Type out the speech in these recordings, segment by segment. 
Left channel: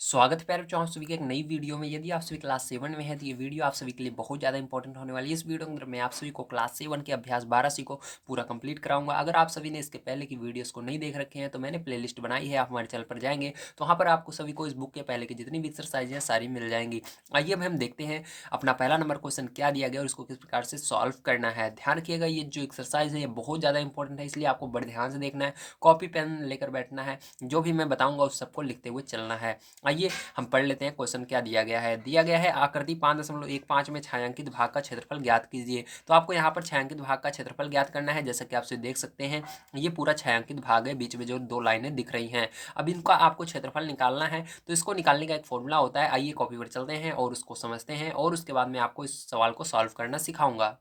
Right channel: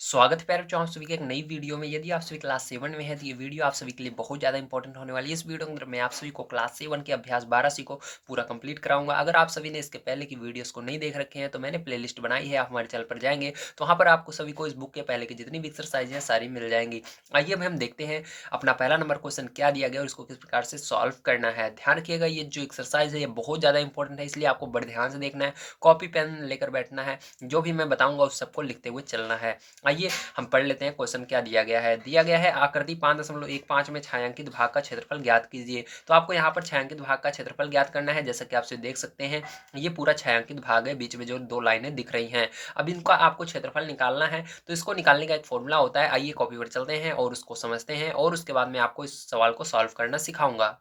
स्वागत है प्यारे बच्चों आप सभी के एक नई वीडियो में। यदि आप सभी क्लास 7 में है तो ये वीडियो आप सभी के लिए बहुत ज़्यादा इंपॉर्टेंट होने वाली है। इस वीडियो के अंदर मैं आप सभी को क्लास 7 के अभ्यास 12 को पूरा कंप्लीट कराऊंगा। अगर आप सभी ने इसके पहले की वीडियोस को नहीं देख रखे हैं तो मैंने प्लेलिस्ट बनाई है, आप हमारे चैनल पर जाएंगे तो वहाँ पर आपको सभी को इस बुक के पहले की जितनी भी एक्सरसाइज है सारी मिल जाएंगी। आइए अब हम देखते हैं अपना पहला नंबर क्वेश्चन क्या दिया गया और इसको किस प्रकार से सॉल्व करना है। ध्यान रखिएगा, ये जो एक्सरसाइज है ये बहुत ज़्यादा इंपॉर्टेंट है, इसलिए आपको बड़े ध्यान से देखना है, कॉपी पेन लेकर बैठना है, जो भी मैं बताऊँगा उस सबको लिखते हुए चलना है। आइए हम पढ़ लेते हैं क्वेश्चन क्या दिया गया है आकृति 5.15 में छायांकित भाग का क्षेत्रफल ज्ञात कीजिए। तो आपको यहाँ पर छायांकित भाग का क्षेत्रफल ज्ञात करना है। जैसा कि आप देख सकते हैं ये पूरा छायांकित भाग है, बीच में जो दो लाइनें दिख रही हैं। अब इनका आपको क्षेत्रफल निकालना है, तो इसको निकालने का एक फॉर्मूला होता है। आइए कॉपी पर चलते हैं और उसको समझते हैं और उसके बाद मैं आपको इस सवाल को सॉल्व करना सिखाऊंगा।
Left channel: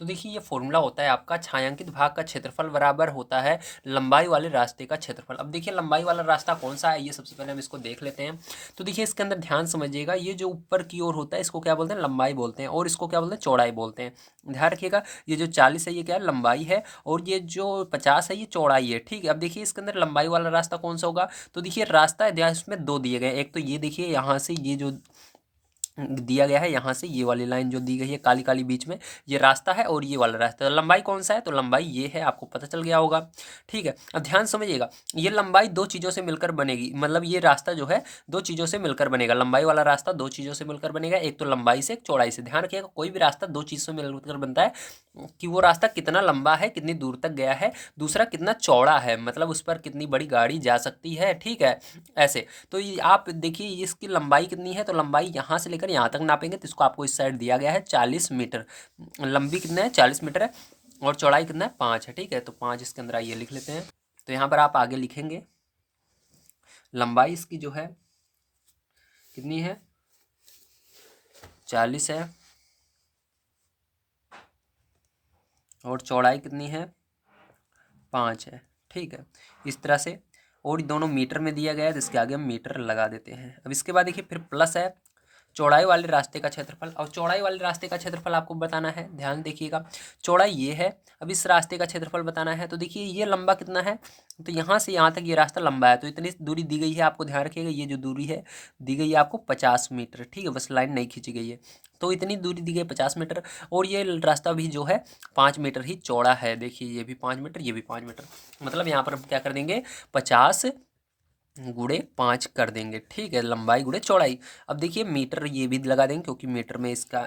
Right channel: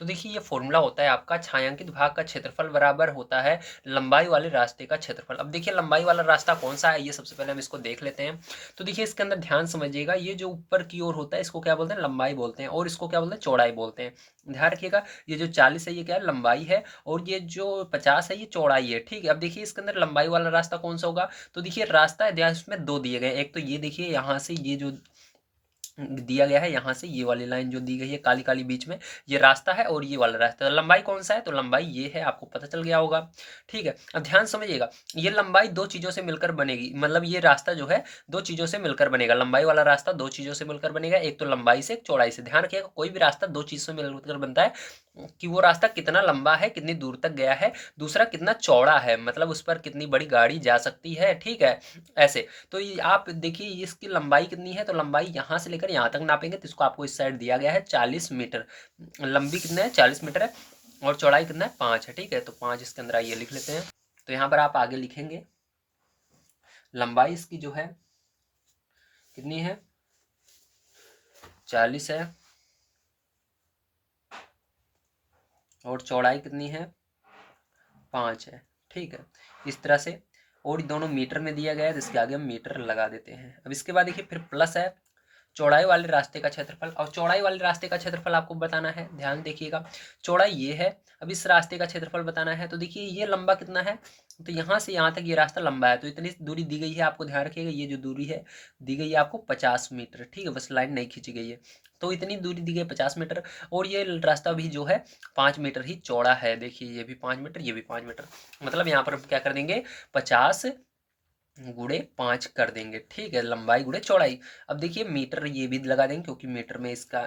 तो देखिए ये फॉर्मूला होता है आपका छायांकित भाग का क्षेत्रफल बराबर होता है लंबाई वाले रास्ते का क्षेत्रफल। अब देखिए लंबाई वाला रास्ता कौन सा है, ये सबसे पहले हम इसको देख लेते हैं। तो देखिए इसके अंदर ध्यान समझिएगा, ये जो ऊपर की ओर होता है इसको क्या बोलते हैं, लंबाई बोलते हैं, और इसको क्या बोलते हैं, चौड़ाई बोलते हैं। ध्यान रखिएगा, ये जो 40 है ये क्या है, लंबाई है, और ये जो 50 है ये चौड़ाई है। ठीक है, अब देखिए इसके अंदर लंबाई वाला रास्ता कौन सा होगा। तो देखिए रास्ता है, ध्यान, इसमें दो दिए गए, एक तो ये देखिए यहाँ से ये जो दिया गया है, यहाँ से ये वाली लाइन जो दी गई है काली काली बीच में, ये रास्ता है, और ये वाला रास्ता है। लंबाई कौन सा है, तो लंबाई ये है, आपको पता चल गया होगा। ठीक है, अब ध्यान समझिएगा, ये लंबाई दो चीज़ों से मिलकर बनेगी, मतलब ये रास्ता जो है दो चीज़ों से मिलकर बनेगा। लंबाई वाला रास्ता दो चीज़ों से मिलकर बनेगा, एक तो लंबाई से, एक चौड़ाई से। ध्यान रखिएगा, कोई भी रास्ता दो चीज़ से मिलकर बनता है कि वो रास्ता कितना लंबा है, कितनी दूर तक गया है, दूसरा कितना चौड़ा है, मतलब उस पर कितनी बड़ी गाड़ी जा सकती है। ठीक है, ऐसे। तो ये आप देखिए इसकी लंबाई कितनी है, तो लंबाई यहाँ से लेकर यहाँ तक नापेंगे तो इसको आपको इस साइड दिया गया है 40 मीटर। लंबी कितना है, 40 मीटर है, और चौड़ाई कितना है, 5 है। ठीक है, तो 5 इसके अंदर आइए लिख लेते हैं। तो यहाँ पर आप आगे लिखेंगे लंबाई इसकी जो है कितनी है, 40 है, और चौड़ाई कितनी है, 5 है। ठीक है, इस तरह से, और दोनों मीटर में दिया गया है तो इसके आगे हम मीटर लगा देते हैं। अब इसके बाद देखिए फिर प्लस है चौड़ाई वाले रास्ते का क्षेत्रफल। और चौड़ाई वाले रास्ते का क्षेत्रफल आपको बताना है, ध्यान देखिएगा, चौड़ाई ये है, अब इस रास्ते का क्षेत्रफल बताना है। तो देखिए ये लंबा कितना है, तो यहाँ से यहाँ तक ये रास्ता लंबा है, तो इतनी दूरी दी गई है आपको। ध्यान रखिएगा, ये जो दूरी है दी गई है आपको 50 मीटर। ठीक है, बस लाइन नहीं खींची गई है, तो इतनी दूरी दी गई 50 मीटर, और ये रास्ता भी जो है 5 मीटर ही चौड़ा है। देखिए ये भी 5 मीटर, ये भी 5 मीटर, मतलब यहाँ पर हम क्या कर देंगे, 50 × 5 कर देंगे। ठीक है, लंबाई गुणे चौड़ाई। अब देखिए मीटर ये भी लगा देंगे, क्योंकि मीटर में इसका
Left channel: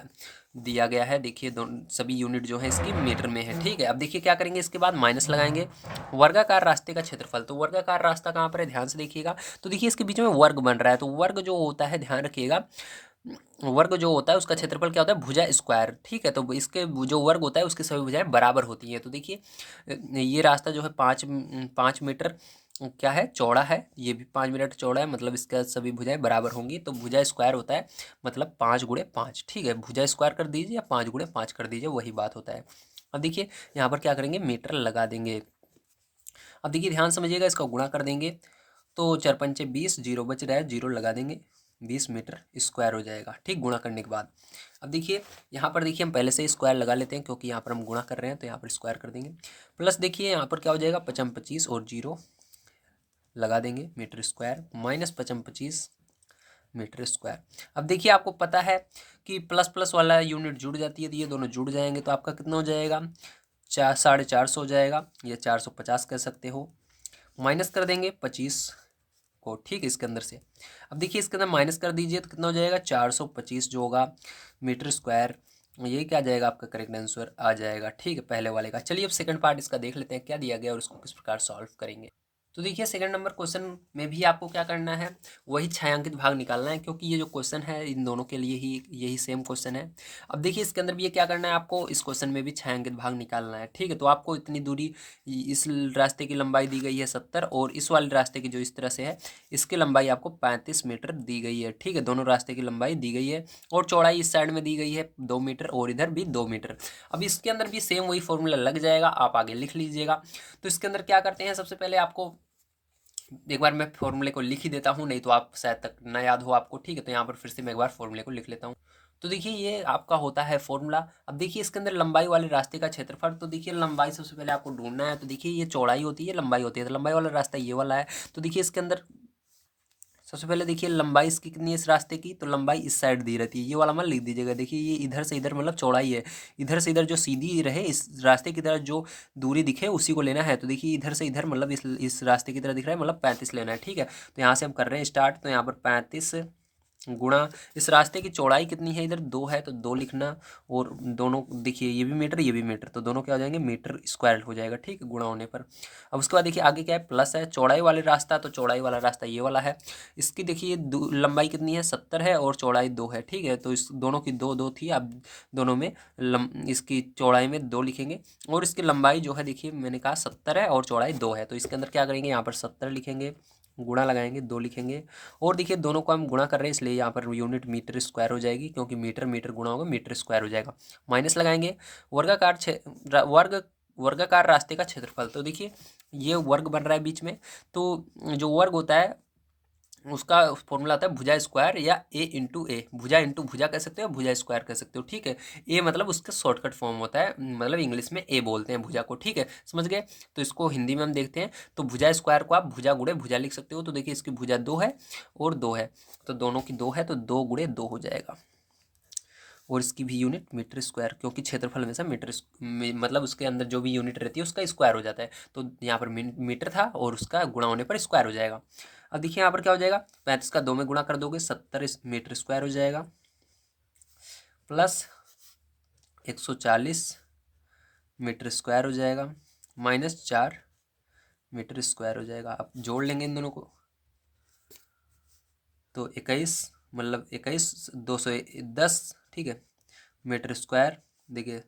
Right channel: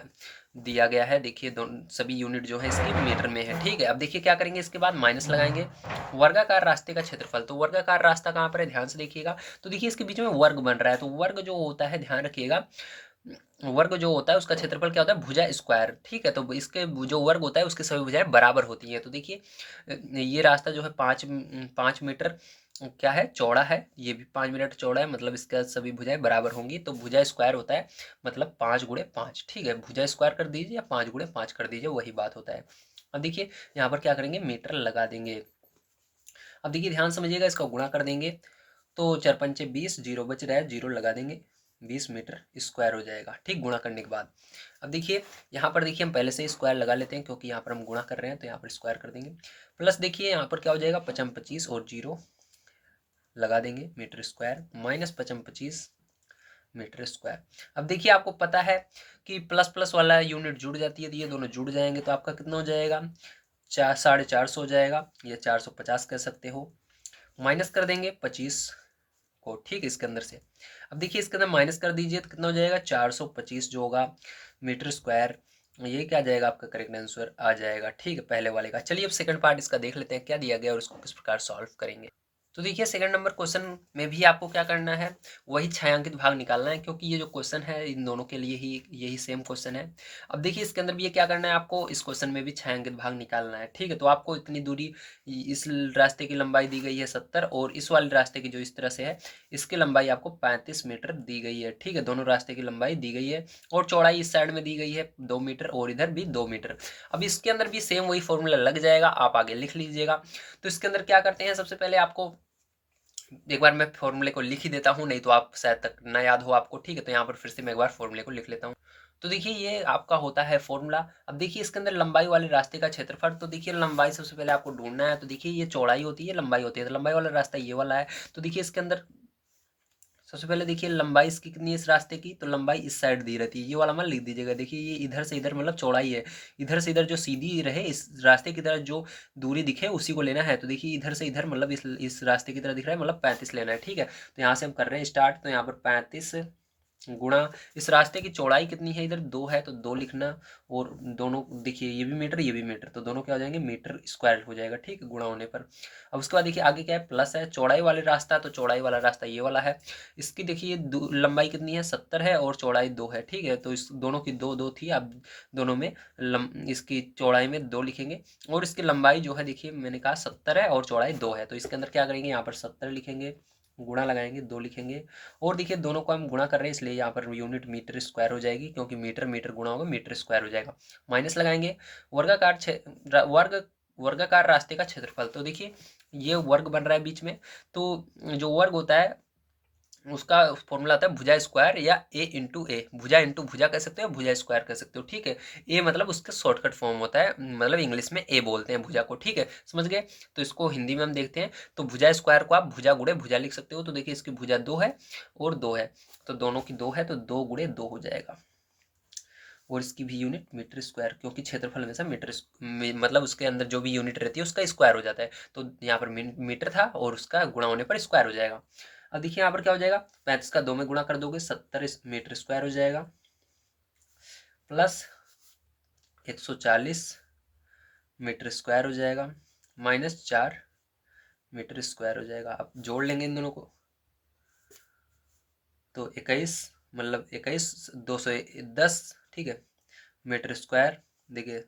दिया गया है। देखिए दोनों सभी यूनिट जो है इसकी मीटर में है। ठीक है, अब देखिए क्या करेंगे, इसके बाद माइनस लगाएंगे वर्गाकार रास्ते का क्षेत्रफल। तो वर्गाकार रास्ता कहाँ पर है, ध्यान से देखिएगा। तो देखिए इसके बीच में वर्ग बन रहा है, तो वर्ग जो होता है, ध्यान रखिएगा, वर्ग जो होता है उसका क्षेत्रफल क्या होता है, भुजा स्क्वायर। ठीक है, तो इसके जो वर्ग होता है उसकी सभी भुजाएं बराबर होती हैं। तो देखिए ये रास्ता जो है 5 मीटर क्या है, चौड़ा है, ये भी 5 मीटर चौड़ा है, मतलब इसका सभी भुजाएं बराबर होंगी। तो भुजा स्क्वायर होता है मतलब 5 × 5। ठीक है, भुजा स्क्वायर कर दीजिए या 5 × 5 कर दीजिए, वही बात होता है। अब देखिए यहाँ पर क्या करेंगे, मीटर लगा देंगे। अब देखिए ध्यान समझिएगा, इसका गुणा कर देंगे तो 4×5 = 20, जीरो बच रहा है, जीरो लगा देंगे, 20 मीटर स्क्वायर हो जाएगा। ठीक, गुणा करने के बाद अब देखिए यहाँ पर देखिए हम पहले से ही स्क्वायर लगा लेते हैं, क्योंकि यहाँ पर हम गुणा कर रहे हैं, तो यहाँ पर स्क्वायर कर देंगे। प्लस देखिए यहाँ पर क्या हो जाएगा, 5×25 और जीरो लगा देंगे, metre square, minus 5×25 metre square. अब देखिए आपको पता है कि प्लस प्लस वाला यूनिट जुड़ जाती है, तो ये दोनों जुड़ जाएंगे, तो आपका कितना हो जाएगा, 450 हो जाएगा, या 450 कह सकते हो। माइनस कर देंगे 25 को, ठीक है, इसके अंदर से। अब देखिए इसके अंदर माइनस कर दीजिए तो कितना हो जाएगा, 425 जो होगा मीटर स्क्वायर, ये क्या आ जाएगा, आपका करेक्ट आंसर आ जाएगा। ठीक है, पहले वाले का। चलिए अब सेकंड पार्ट इसका देख लेते हैं क्या दिया गया और इसको किस प्रकार सॉल्व करेंगे। तो देखिए सेकंड नंबर क्वेश्चन में भी आपको क्या करना है, वही छायांकित भाग निकालना है, क्योंकि ये जो क्वेश्चन है इन दोनों के लिए ही यही सेम क्वेश्चन है। अब देखिए इसके अंदर भी ये क्या करना है आपको, इस क्वेश्चन में भी छायांकित भाग निकालना है। ठीक है, तो आपको इतनी दूरी, इस रास्ते की लंबाई दी गई है 70, और इस वाले रास्ते की जो इस तरह से है इसकी लंबाई आपको 35 मीटर दी गई है। ठीक है, दोनों रास्ते की लंबाई दी गई है, और चौड़ाई इस साइड में दी गई है 2 मीटर, और इधर भी 2 मीटर। अब इसके अंदर भी सेम वही फॉर्मूला लग जाएगा, आप आगे लिख लीजिएगा। तो इसके अंदर क्या करते हैं, सबसे पहले आपको एक बार मैं फॉर्मूले को लिख ही देता हूँ, नहीं तो आप शायद तक ना याद हो आपको। ठीक है, तो यहाँ पर फिर से मैं एक बार फॉर्मूले को लिख लेता हूँ। तो देखिए ये आपका होता है फॉर्मूला। अब देखिए इसके अंदर लंबाई वाले रास्ते का क्षेत्रफल, तो देखिए लंबाई सबसे पहले आपको ढूंढना है। तो देखिए ये चौड़ाई होती है, लंबाई होती है, तो लंबाई वाला रास्ता ये वाला है। तो देखिए इसके अंदर सबसे पहले देखिए लंबाई इसकी कितनी है इस रास्ते की, तो लंबाई इस साइड दी रहती है, ये वाला मत लिख दीजिएगा। देखिए ये इधर से इधर मतलब चौड़ाई है, इधर से इधर जो सीधी रहे इस रास्ते की तरह जो दूरी दिखे उसी को लेना है। तो देखिए इधर से इधर मतलब इस रास्ते की तरह दिख रहा है, मतलब 35 लेना है, ठीक है। तो यहाँ से हम कर रहे हैं स्टार्ट, तो यहाँ पर 35 गुणा इस रास्ते की चौड़ाई कितनी है, इधर 2 है तो 2 लिखना, और दोनों देखिए ये भी मीटर ये भी मीटर, तो दोनों क्या हो जाएंगे मीटर स्क्वायर हो जाएगा, ठीक है, गुणा होने पर। अब उसके बाद देखिए आगे क्या है, प्लस है, चौड़ाई वाले रास्ता, तो चौड़ाई वाला रास्ता ये वाला है। इसकी देखिए लंबाई कितनी है 70 है, और चौड़ाई 2 है, ठीक है। तो इस दोनों की दो दो थी, अब दोनों में इसकी चौड़ाई में 2 लिखेंगे, और इसकी लंबाई जो है देखिए मैंने कहा 70 है और चौड़ाई 2 है, तो इसके अंदर क्या करेंगे, यहाँ पर 70 लिखेंगे, गुणा लगाएंगे, 2 लिखेंगे, और देखिए दोनों को हम गुणा कर रहे हैं इसलिए यहाँ पर यूनिट मीटर स्क्वायर हो जाएगी, क्योंकि मीटर मीटर गुणा होगा मीटर स्क्वायर हो जाएगा। माइनस लगाएंगे, वर्गाकार वर्गाकार रास्ते का क्षेत्रफल, तो देखिए ये वर्ग बन रहा है बीच में, तो जो वर्ग होता है उसका फॉर्मूला आता है भुजा स्क्वायर या ए इंटू ए, भुजा इंटू भुजा कह सकते हो, भुजा स्क्वायर कह सकते हो, ठीक है। ए मतलब उसका शॉर्टकट फॉर्म होता है, मतलब इंग्लिश में ए बोलते हैं भुजा को, ठीक है, समझ गए। तो इसको हिंदी में हम देखते हैं, तो भुजा स्क्वायर को आप भुजा गुणे भुजा लिख सकते हो। तो देखिए इसकी भुजा 2 है और 2 है, तो दोनों की 2 है, तो 2 गुणे 2 हो जाएगा, और इसकी भी यूनिट मीटर स्क्वायर, क्योंकि क्षेत्रफल हमेशा मतलब उसके अंदर जो भी यूनिट रहती है उसका स्क्वायर हो जाता है, तो यहाँ पर मीटर था और उसका गुणा होने पर स्क्वायर हो जाएगा। अब देखिए यहाँ पर क्या हो जाएगा, 35 का 2 में गुणा कर दोगे 70 मीटर स्क्वायर हो जाएगा, प्लस 140 मीटर स्क्वायर हो जाएगा, माइनस 4 मीटर स्क्वायर हो जाएगा। अब जोड़ लेंगे इन दोनों को, तो 21 मतलब 21 210, ठीक है, मीटर स्क्वायर। देखिए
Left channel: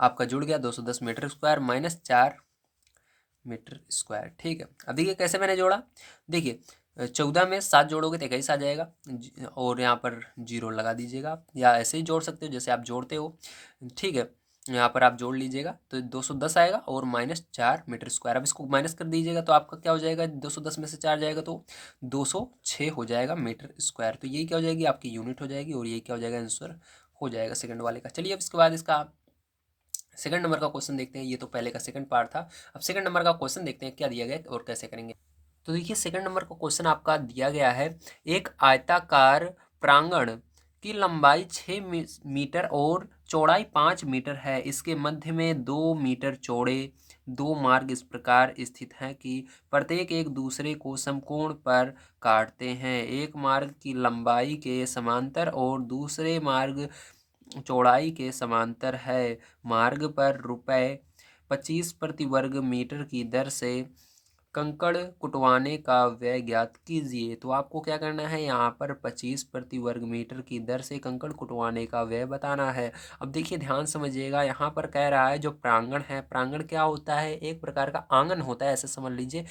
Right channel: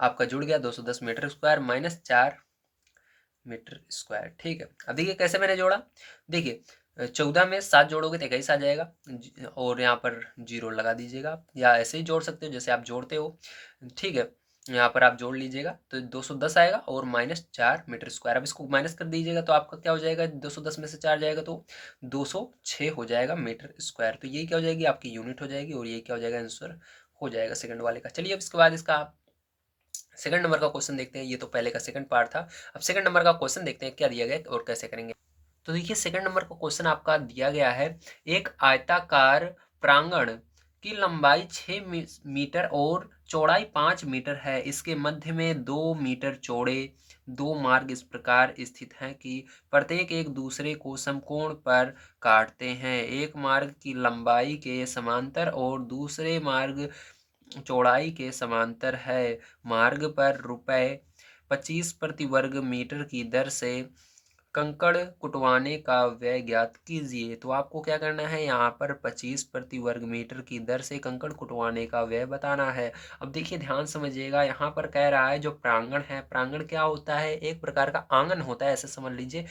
आपका जुड़ गया 210 metre square minus 4 metre square, ठीक है। अब देखिए कैसे मैंने जोड़ा, देखिए 14 में 7 जोड़ोगे तो 21 आ जाएगा, और यहाँ पर 0 लगा दीजिएगा आप, या ऐसे ही जोड़ सकते हो जैसे आप जोड़ते हो, ठीक है। यहाँ पर आप जोड़ लीजिएगा तो 210 आएगा और माइनस 4 मीटर स्क्वायर। अब इसको माइनस कर दीजिएगा तो आपका क्या हो जाएगा, 210 में से 4 जाएगा तो 206 हो जाएगा मीटर स्क्वायर। तो यही क्या हो जाएगी, आपकी यूनिट हो जाएगी, और ये क्या हो जाएगा, आंसर हो जाएगा सेकंड वाले का। चलिए अब इसके बाद इसका सेकंड नंबर का क्वेश्चन देखते हैं। ये तो पहले का सेकंड पार्ट था, अब सेकंड नंबर का क्वेश्चन देखते हैं क्या दिया गया है और कैसे करेंगे। तो देखिए सेकंड नंबर का क्वेश्चन आपका दिया गया है, एक आयताकार प्रांगण की लंबाई 6 मीटर और चौड़ाई 5 मीटर है, इसके मध्य में 2 मीटर चौड़े 2 मार्ग इस प्रकार स्थित हैं कि प्रत्येक एक दूसरे को समकोण पर काटते हैं, एक मार्ग की लंबाई के समांतर और दूसरे मार्ग चौड़ाई के समांतर है, मार्ग पर ₹25 प्रति वर्ग मीटर की दर से कंकड़ कुटवाने का व्यय ज्ञात कीजिए। तो आपको क्या करना है, यहाँ पर 25 प्रति वर्ग मीटर की दर से कंकड़ कुटवाने का व्यय बताना है। अब देखिए ध्यान समझिएगा, यहाँ पर कह रहा है जो प्रांगण है, प्रांगण क्या होता है, एक प्रकार का आंगन होता है ऐसे समझ लीजिए,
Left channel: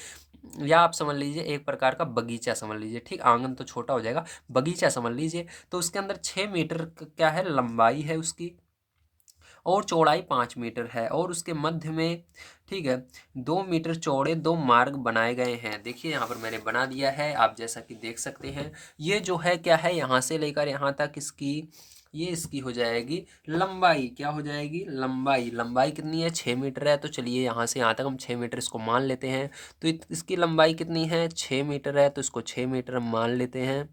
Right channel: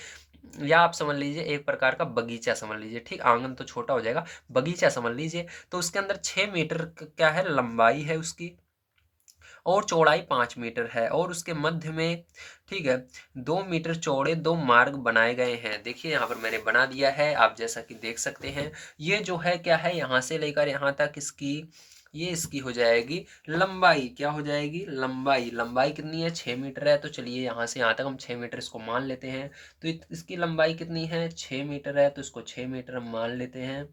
या आप समझ लीजिए एक प्रकार का बगीचा समझ लीजिए, ठीक, आंगन तो छोटा हो जाएगा, बगीचा समझ लीजिए। तो उसके अंदर 6 मीटर क्या है लंबाई है उसकी, और चौड़ाई 5 मीटर है, और उसके मध्य में, ठीक है, 2 मीटर चौड़े 2 मार्ग बनाए गए हैं। देखिए यहाँ पर मैंने बना दिया है, आप जैसा कि देख सकते हैं। ये जो है क्या है, यहाँ से लेकर यहाँ तक इसकी ये इसकी हो जाएगी लंबाई, क्या हो जाएगी लंबाई, लंबाई कितनी है 6 मीटर है, तो चलिए यहाँ से यहाँ तक हम 6 मीटर इसको मान लेते हैं। तो इसकी लंबाई कितनी है 6 मीटर है, तो इसको 6 मीटर हम मान लेते हैं,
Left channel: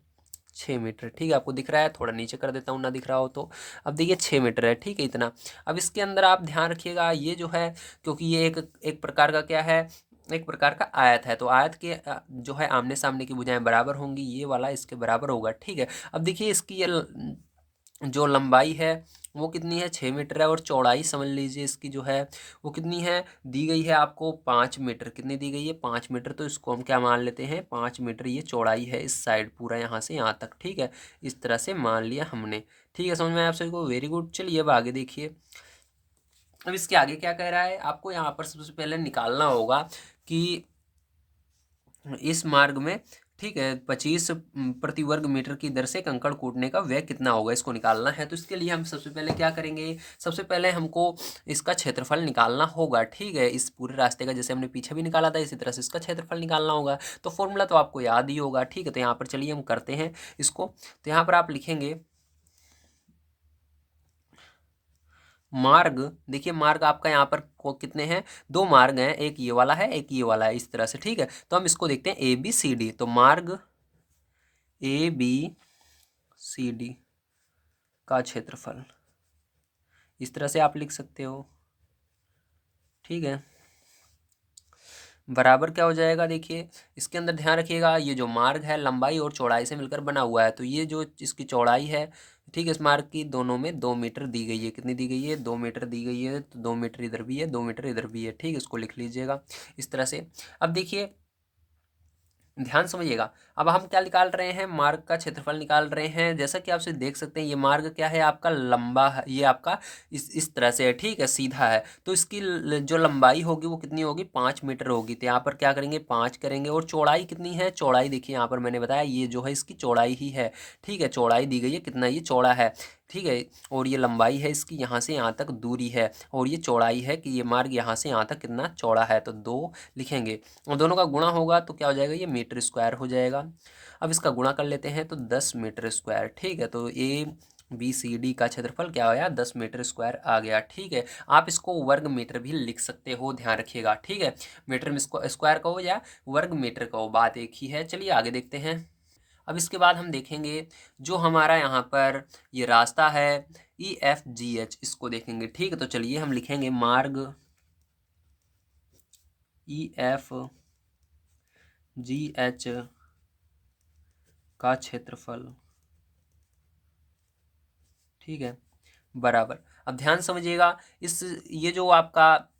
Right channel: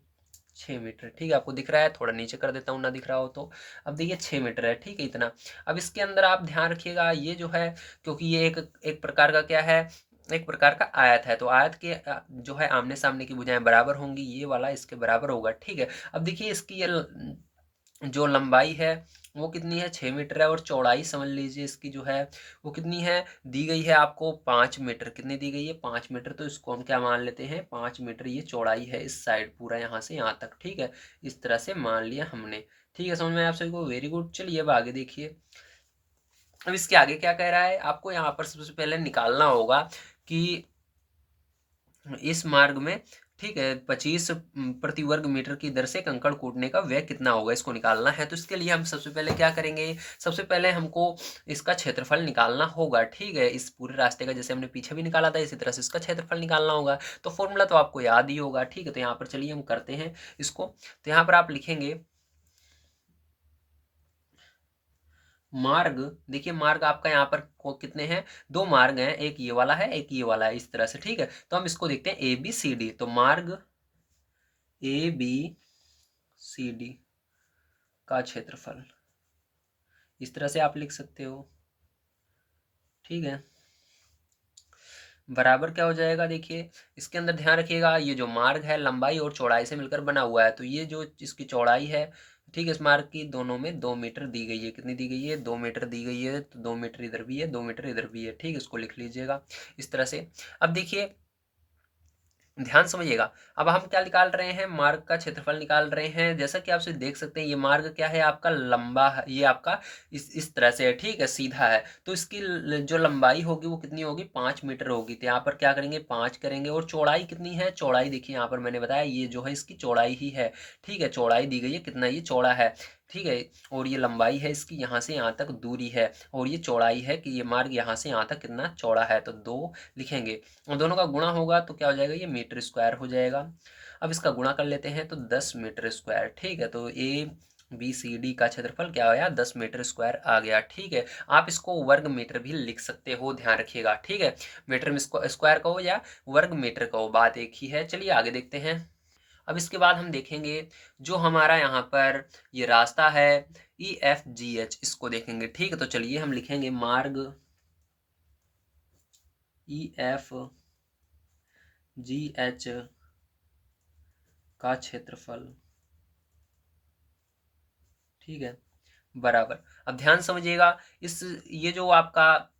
6 मीटर, ठीक है। आपको दिख रहा है, थोड़ा नीचे कर देता हूँ ना दिख रहा हो तो। अब देखिए 6 मीटर है, ठीक है, इतना। अब इसके अंदर आप ध्यान रखिएगा, ये जो है, क्योंकि ये एक एक प्रकार का क्या है, एक प्रकार का आयत है, तो आयत के जो है आमने सामने की भुजाएं बराबर होंगी, ये वाला इसके बराबर होगा, ठीक है। अब देखिए इसकी ये जो लंबाई है वो कितनी है 6 मीटर है, और चौड़ाई समझ लीजिए इसकी जो है वो कितनी है, दी गई है आपको 5 मीटर, कितनी दी गई है 5 मीटर, तो इसको हम क्या मान लेते हैं 5 मीटर ये चौड़ाई है इस साइड पूरा यहाँ से यहाँ तक, ठीक है, इस तरह से मान लिया हमने, ठीक है, समझ में आया आप सभी को, वेरी गुड। चलिए अब आगे देखिए, अब इसके आगे क्या कह रहा है, आपको यहाँ पर सबसे पहले निकालना होगा कि इस मार्ग में, ठीक है, 25 प्रति वर्ग मीटर की दर से कंकड़ कूटने का व्यय कितना होगा, इसको निकालना है। तो इसके लिए हम सबसे पहले क्या करेंगे, सबसे पहले हमको इसका क्षेत्रफल निकालना होगा, ठीक है, इस पूरे रास्ते का, जैसे हमने पीछे भी निकाला था इसी तरह से इसका क्षेत्रफल निकालना होगा। तो फॉर्मूला तो आपको याद ही होगा, ठीक है। तो यहाँ पर चलिए हम करते हैं इसको, तो यहाँ पर आप लिखेंगे मार्ग, देखिए मार्ग आपका यहाँ पर कितने हैं, 2 मार्ग हैं, एक ये वाला है एक ये वाला है, इस तरह से, ठीक है। तो हम इसको देखते हैं ABCD, तो मार्ग ABCD का क्षेत्रफल, इस तरह से आप लिख सकते हो। ठीक है, बराबर क्या हो जाएगा, देखिए इसके अंदर ध्यान रखिएगा, ये जो मार्ग है लंबाई और चौड़ाई से मिलकर बना हुआ है, तो ये जो इसकी चौड़ाई है, ठीक है, इस मार्ग की दोनों में 2 मीटर दी गई है। कितनी दी गई है, 2 मीटर दी गई है, तो 2 मीटर इधर भी है, 2 मीटर इधर भी है। ठीक है, इसको लिख लीजिएगा इस तरह से। अब देखिए ध्यान समझिएगा, अब हम क्या निकाल रहे हैं, मार्ग का क्षेत्रफल निकाल रहे हैं। जैसा कि आप से देख सकते हैं, ये मार्ग क्या है, आपका लंबा है, ये आपका इस तरह से है, ठीक है, सीधा है। तो इसकी जो लंबाई होगी वो कितनी होगी, 5 मीटर होगी। तो यहाँ पर क्या करेंगे, 5 करेंगे। और चौड़ाई कितनी है, चौड़ाई देखिए यहाँ पर मैंने बताया, ये जो है इसकी चौड़ाई ही है। ठीक है, चौड़ाई दी गई है, कितना ये चौड़ा है। ठीक है, और ये लंबाई है इसकी, यहाँ से यहाँ तक दूरी है, और ये चौड़ाई है कि ये मार्ग यहाँ से यहाँ तक कितना चौड़ा है, तो 2 लिखेंगे। और दोनों का गुणा होगा तो क्या हो जाएगा, ये मीटर स्क्वायर हो जाएगा। अब इसका गुणा कर लेते हैं तो 10 मीटर स्क्वायर। ठीक है, तो ABCD का क्षेत्रफल क्या आया, 10 मीटर स्क्वायर आ गया। ठीक है, आप इसको वर्ग मीटर भी लिख सकते हो, ध्यान रखिएगा। ठीक है, मीटर में स्क्वायर का हो या वर्ग मीटर का हो, बात एक ही है। चलिए आगे देखते हैं। अब इसके बाद हम देखेंगे जो हमारा यहाँ पर ये रास्ता है EFGH, इसको देखेंगे। ठीक है, तो चलिए हम लिखेंगे मार्ग EFGH का क्षेत्रफल। ठीक है, बराबर। अब ध्यान समझिएगा, इस ये जो आपका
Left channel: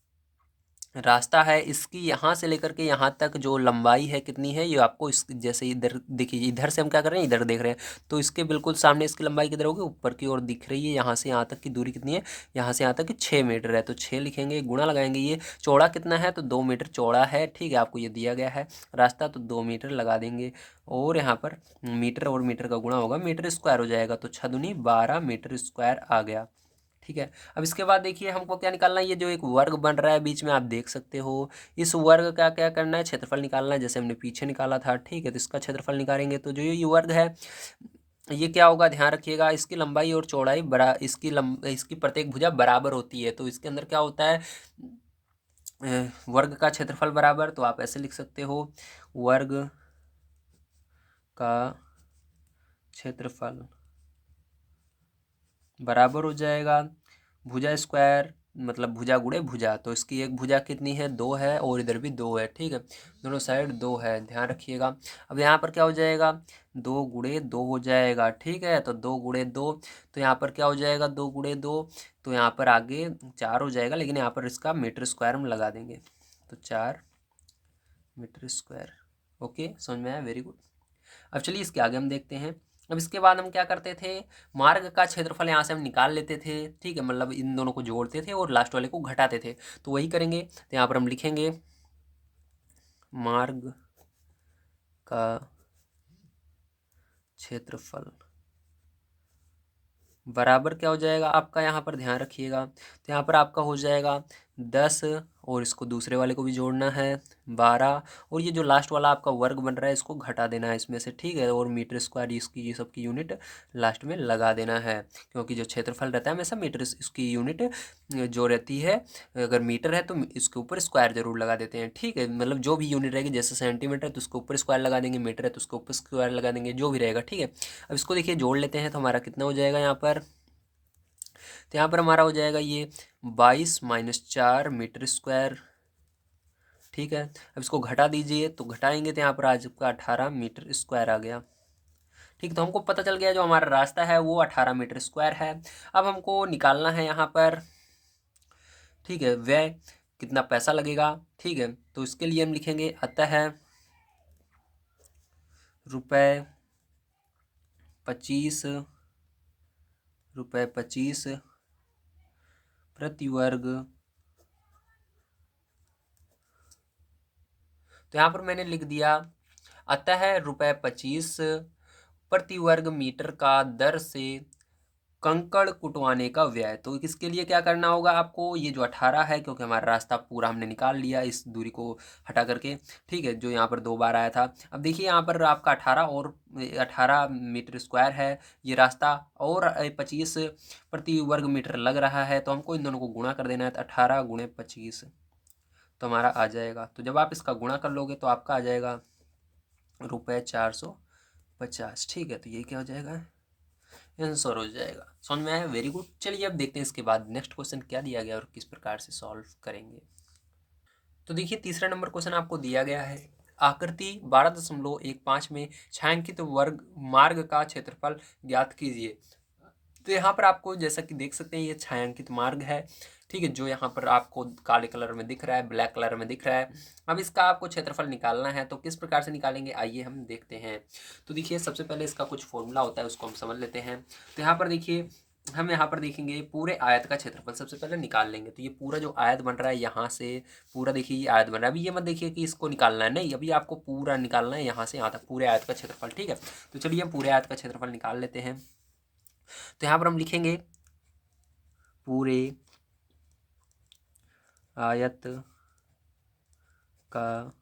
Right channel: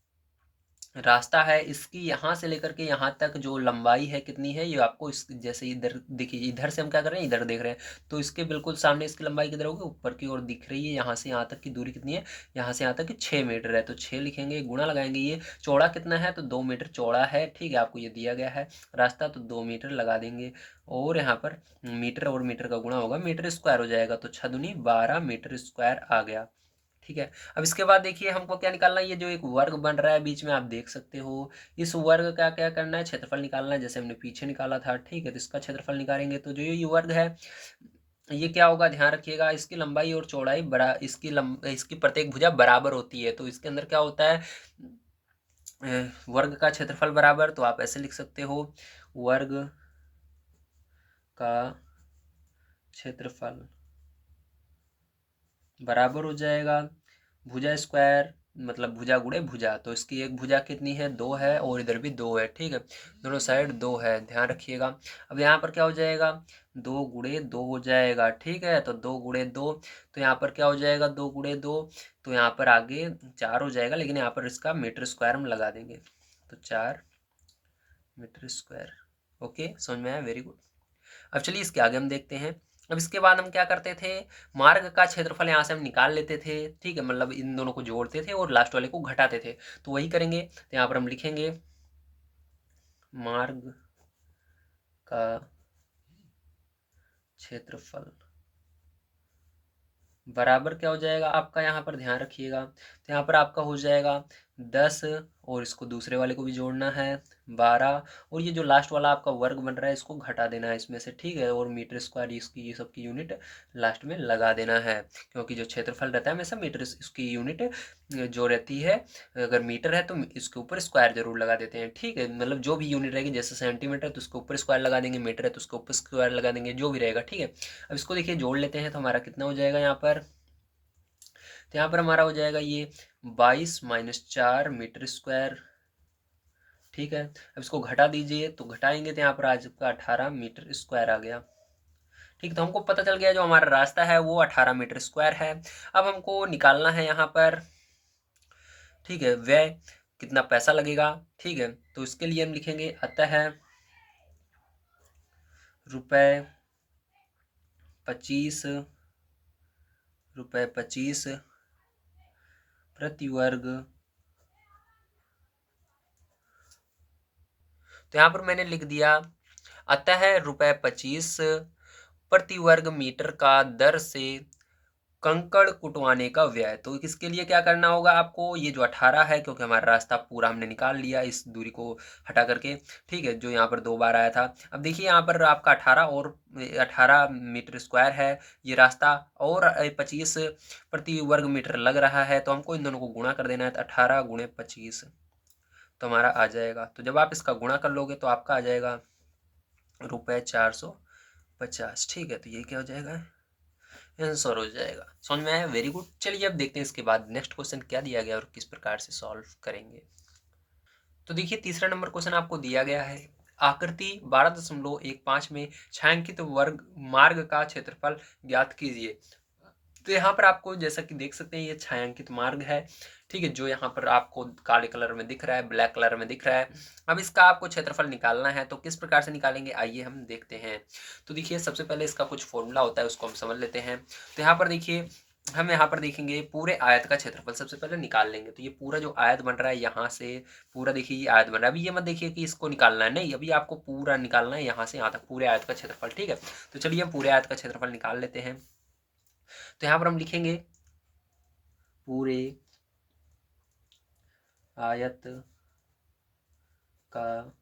रास्ता है, इसकी यहाँ से लेकर के यहाँ तक जो लंबाई है कितनी है, ये आपको इस जैसे इधर देखिए, इधर से हम क्या कर रहे हैं, इधर देख रहे हैं, तो इसके बिल्कुल सामने इसकी लंबाई किधर होगी, ऊपर की ओर दिख रही है। यहाँ से यहाँ तक की दूरी कितनी है, यहाँ से यहाँ तक की 6 मीटर है, तो 6 लिखेंगे, गुणा लगाएंगे। ये चौड़ा कितना है, तो 2 मीटर चौड़ा है। ठीक है, आपको ये दिया गया है रास्ता, तो 2 मीटर लगा देंगे। और यहाँ पर मीटर और मीटर का गुणा होगा, मीटर स्क्वायर हो जाएगा, तो 6 दूनी 12 मीटर स्क्वायर आ गया। ठीक है, अब इसके बाद देखिए हमको क्या निकालना है, ये जो एक वर्ग बन रहा है बीच में, आप देख सकते हो, इस वर्ग का क्या करना है, क्षेत्रफल निकालना है, जैसे हमने पीछे निकाला था। ठीक है, तो इसका क्षेत्रफल निकालेंगे, तो जो ये वर्ग है ये क्या होगा, ध्यान रखिएगा, इसकी लंबाई और चौड़ाई इसकी प्रत्येक भुजा बराबर होती है। तो इसके अंदर क्या होता है, वर्ग का क्षेत्रफल बराबर, तो आप ऐसे लिख सकते हो, वर्ग का क्षेत्रफल बराबर हो जाएगा भुजा स्क्वायर, मतलब भुजा गुणे भुजा। तो इसकी एक भुजा कितनी है, 2 है, और इधर भी 2 है। ठीक है, दोनों साइड 2 है, ध्यान रखिएगा। अब यहाँ पर क्या हो जाएगा, 2 गुणे 2 हो जाएगा। ठीक है, तो 2 गुणे 2, तो यहाँ पर क्या हो जाएगा, 2 गुणे 2, तो यहाँ पर आगे 4 हो जाएगा, लेकिन यहाँ पर इसका मीटर स्क्वायर हम लगा देंगे, तो 4 मीटर स्क्वायर। ओके, समझ में आया, वेरी गुड। अब चलिए इसके आगे हम देखते हैं। अब इसके बाद हम क्या करते थे, मार्ग का क्षेत्रफल यहाँ से हम निकाल लेते थे। ठीक है, मतलब इन दोनों को जोड़ते थे और लास्ट वाले को घटाते थे, तो वही करेंगे। तो यहाँ पर हम लिखेंगे मार्ग का क्षेत्रफल बराबर क्या हो जाएगा आपका, यहाँ पर ध्यान रखिएगा, तो यहाँ पर आपका हो जाएगा 10, और इसको दूसरे वाले को भी जोड़ना है 12, और ये जो लास्ट वाला आपका वर्ग बन रहा है इसको घटा देना है इसमें से। ठीक है, और मीटर स्क्वायर इसकी ये सब की यूनिट लास्ट में लगा देना है, क्योंकि जो क्षेत्रफल रहता है हमेशा मीटर इसकी यूनिट जो रहती है, अगर मीटर है तो इसके ऊपर स्क्वायर जरूर लगा देते हैं। ठीक है, मतलब जो भी यूनिट रहेगी, जैसे सेंटीमीटर है तो उसके ऊपर स्क्वायर लगा देंगे, मीटर है तो उसके ऊपर स्क्वायर लगा देंगे, जो भी रहेगा। ठीक है, अब इसको देखिए जोड़ लेते हैं, तो हमारा कितना हो जाएगा यहाँ पर, तो यहाँ पर हमारा हो जाएगा ये 22 - 4 मीटर स्क्वायर। ठीक है, अब इसको घटा दीजिए, तो घटाएंगे तो यहाँ पर आज का 18 मीटर स्क्वायर आ गया। ठीक, तो हमको पता चल गया जो हमारा रास्ता है वो 18 मीटर स्क्वायर है। अब हमको निकालना है यहाँ पर, ठीक है, व्यय कितना पैसा लगेगा। ठीक है, तो इसके लिए हम लिखेंगे अतः ₹25 प्रति वर्ग। तो यहाँ पर मैंने लिख दिया, अतः ₹25 प्रति वर्ग मीटर का दर से कंकड़ कुटवाने का व्यय। तो इसके लिए क्या करना होगा आपको, ये जो 18 है, क्योंकि हमारा रास्ता पूरा हमने निकाल लिया इस दूरी को हटा करके। ठीक है, जो यहाँ पर 2 बार आया था। अब देखिए यहाँ पर आपका 18 मीटर स्क्वायर है ये रास्ता, और 25 प्रति वर्ग मीटर लग रहा है, तो हमको इन दोनों को गुणा कर देना है, तो 18 × 25 तो हमारा आ जाएगा। तो जब आप इसका गुणा कर लोगे तो आपका आ जाएगा ₹425। 50। ठीक है, तो ये क्या हो जाएगा, आंसर हो जाएगा। समझ में आया, वेरी गुड। चलिए अब देखते हैं इसके बाद नेक्स्ट क्वेश्चन क्या दिया गया और किस प्रकार से सॉल्व करेंगे। तो देखिए तीसरा नंबर क्वेश्चन आपको दिया गया है, आकृति 12.15 में छायांकित वर्ग मार्ग का क्षेत्रफल ज्ञात कीजिए। तो यहाँ पर आपको जैसा कि देख सकते हैं ये छायांकित मार्ग है, ठीक है, जो यहाँ पर आपको काले कलर में दिख रहा है, ब्लैक कलर में दिख रहा है। अब इसका आपको क्षेत्रफल निकालना है, तो किस प्रकार से निकालेंगे आइए हम देखते हैं। तो देखिए सबसे पहले इसका कुछ फॉर्मूला होता है, उसको हम समझ लेते हैं। तो यहाँ पर देखिए हम यहाँ पर देखेंगे पूरे आयत का क्षेत्रफल सबसे पहले निकाल लेंगे। तो ये पूरा जो आयत बन रहा है यहाँ से पूरा देखिए ये आयत बन रहा है। अभी ये मत देखिए कि इसको निकालना है, नहीं, अभी आपको पूरा निकालना है यहाँ से यहाँ तक पूरे आयत का क्षेत्रफल। ठीक है, तो चलिए हम पूरे आयत का क्षेत्रफल निकाल लेते हैं। तो यहाँ पर हम लिखेंगे पूरे आयत का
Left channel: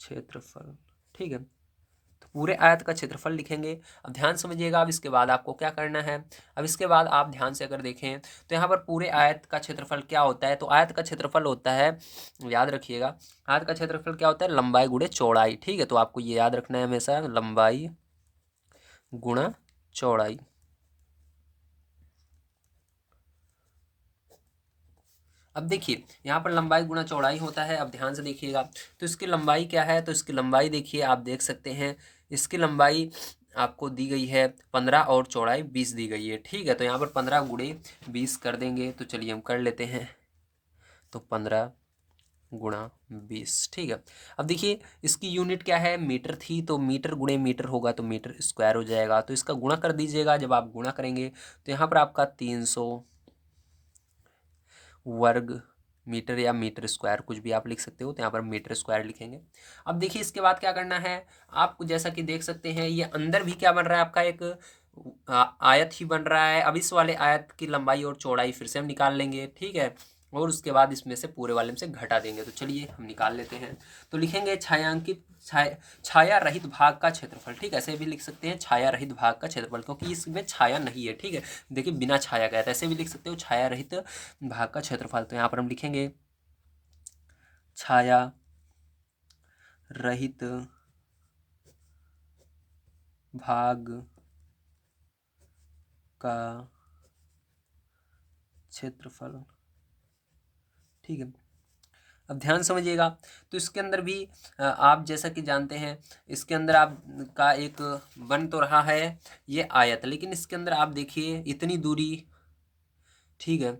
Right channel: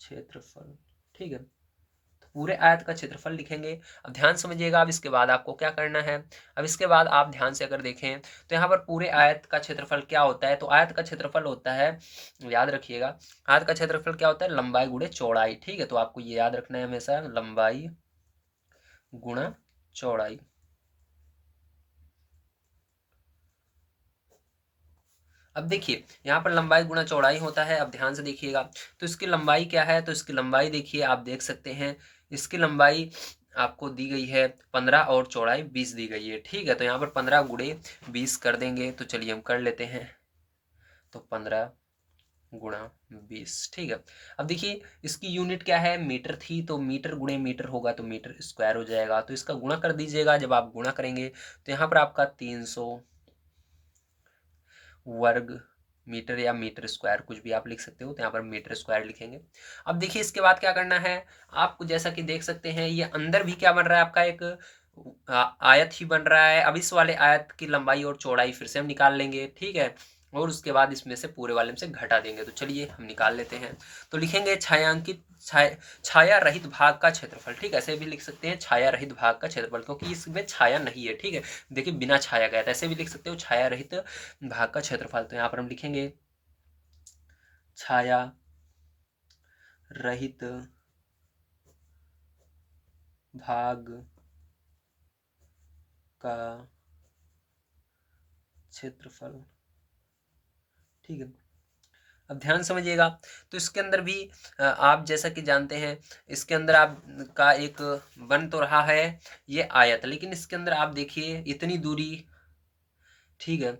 क्षेत्रफल। ठीक है, तो पूरे आयत का क्षेत्रफल लिखेंगे। अब ध्यान समझिएगा, अब इसके बाद आपको क्या करना है। अब इसके बाद आप ध्यान से अगर देखें तो यहाँ पर पूरे आयत का क्षेत्रफल क्या होता है, तो आयत का क्षेत्रफल होता है, याद रखिएगा, आयत का क्षेत्रफल क्या होता है, लंबाई गुणे चौड़ाई। ठीक है, तो आपको ये याद रखना है हमेशा, लंबाई गुणा चौड़ाई। अब देखिए यहाँ पर लंबाई गुणा चौड़ाई होता है। अब ध्यान से देखिएगा, तो इसकी लंबाई क्या है, तो इसकी लंबाई देखिए आप देख सकते हैं, इसकी लंबाई आपको दी गई है 15 और चौड़ाई 20 दी गई है। ठीक है, तो यहाँ पर 15 गुणे 20 कर देंगे, तो चलिए हम कर लेते हैं। तो 15 गुणा 20। ठीक है, अब देखिए इसकी यूनिट क्या है, मीटर थी, तो मीटर गुणे मीटर होगा तो मीटर स्क्वायर हो जाएगा। तो इसका गुणा कर दीजिएगा, जब आप गुणा करेंगे तो यहाँ पर आपका 300 वर्ग मीटर या मीटर स्क्वायर कुछ भी आप लिख सकते हो, तो यहाँ पर मीटर स्क्वायर लिखेंगे। अब देखिए इसके बाद क्या करना है, आप जैसा कि देख सकते हैं ये अंदर भी क्या बन रहा है आपका, एक आयत ही बन रहा है। अब इस वाले आयत की लंबाई और चौड़ाई फिर से हम निकाल लेंगे। ठीक है, और उसके बाद इसमें से पूरे वाले में से घटा देंगे। तो चलिए हम निकाल लेते हैं। तो लिखेंगे छायांकित छाया रहित भाग का क्षेत्रफल। ठीक है, ऐसे भी लिख सकते हैं छाया रहित भाग का क्षेत्रफल, क्योंकि इसमें छाया नहीं है। ठीक है, देखिए बिना छाया गया था, ऐसे भी लिख सकते हो छाया रहित भाग का क्षेत्रफल। तो यहाँ पर हम लिखेंगे छाया रहित भाग का क्षेत्रफल। ठीक है, अब ध्यान समझिएगा, तो इसके अंदर भी आप जैसा कि जानते हैं इसके अंदर आप का एक बन तो रहा है ये आयत, लेकिन इसके अंदर आप देखिए इतनी दूरी, ठीक है,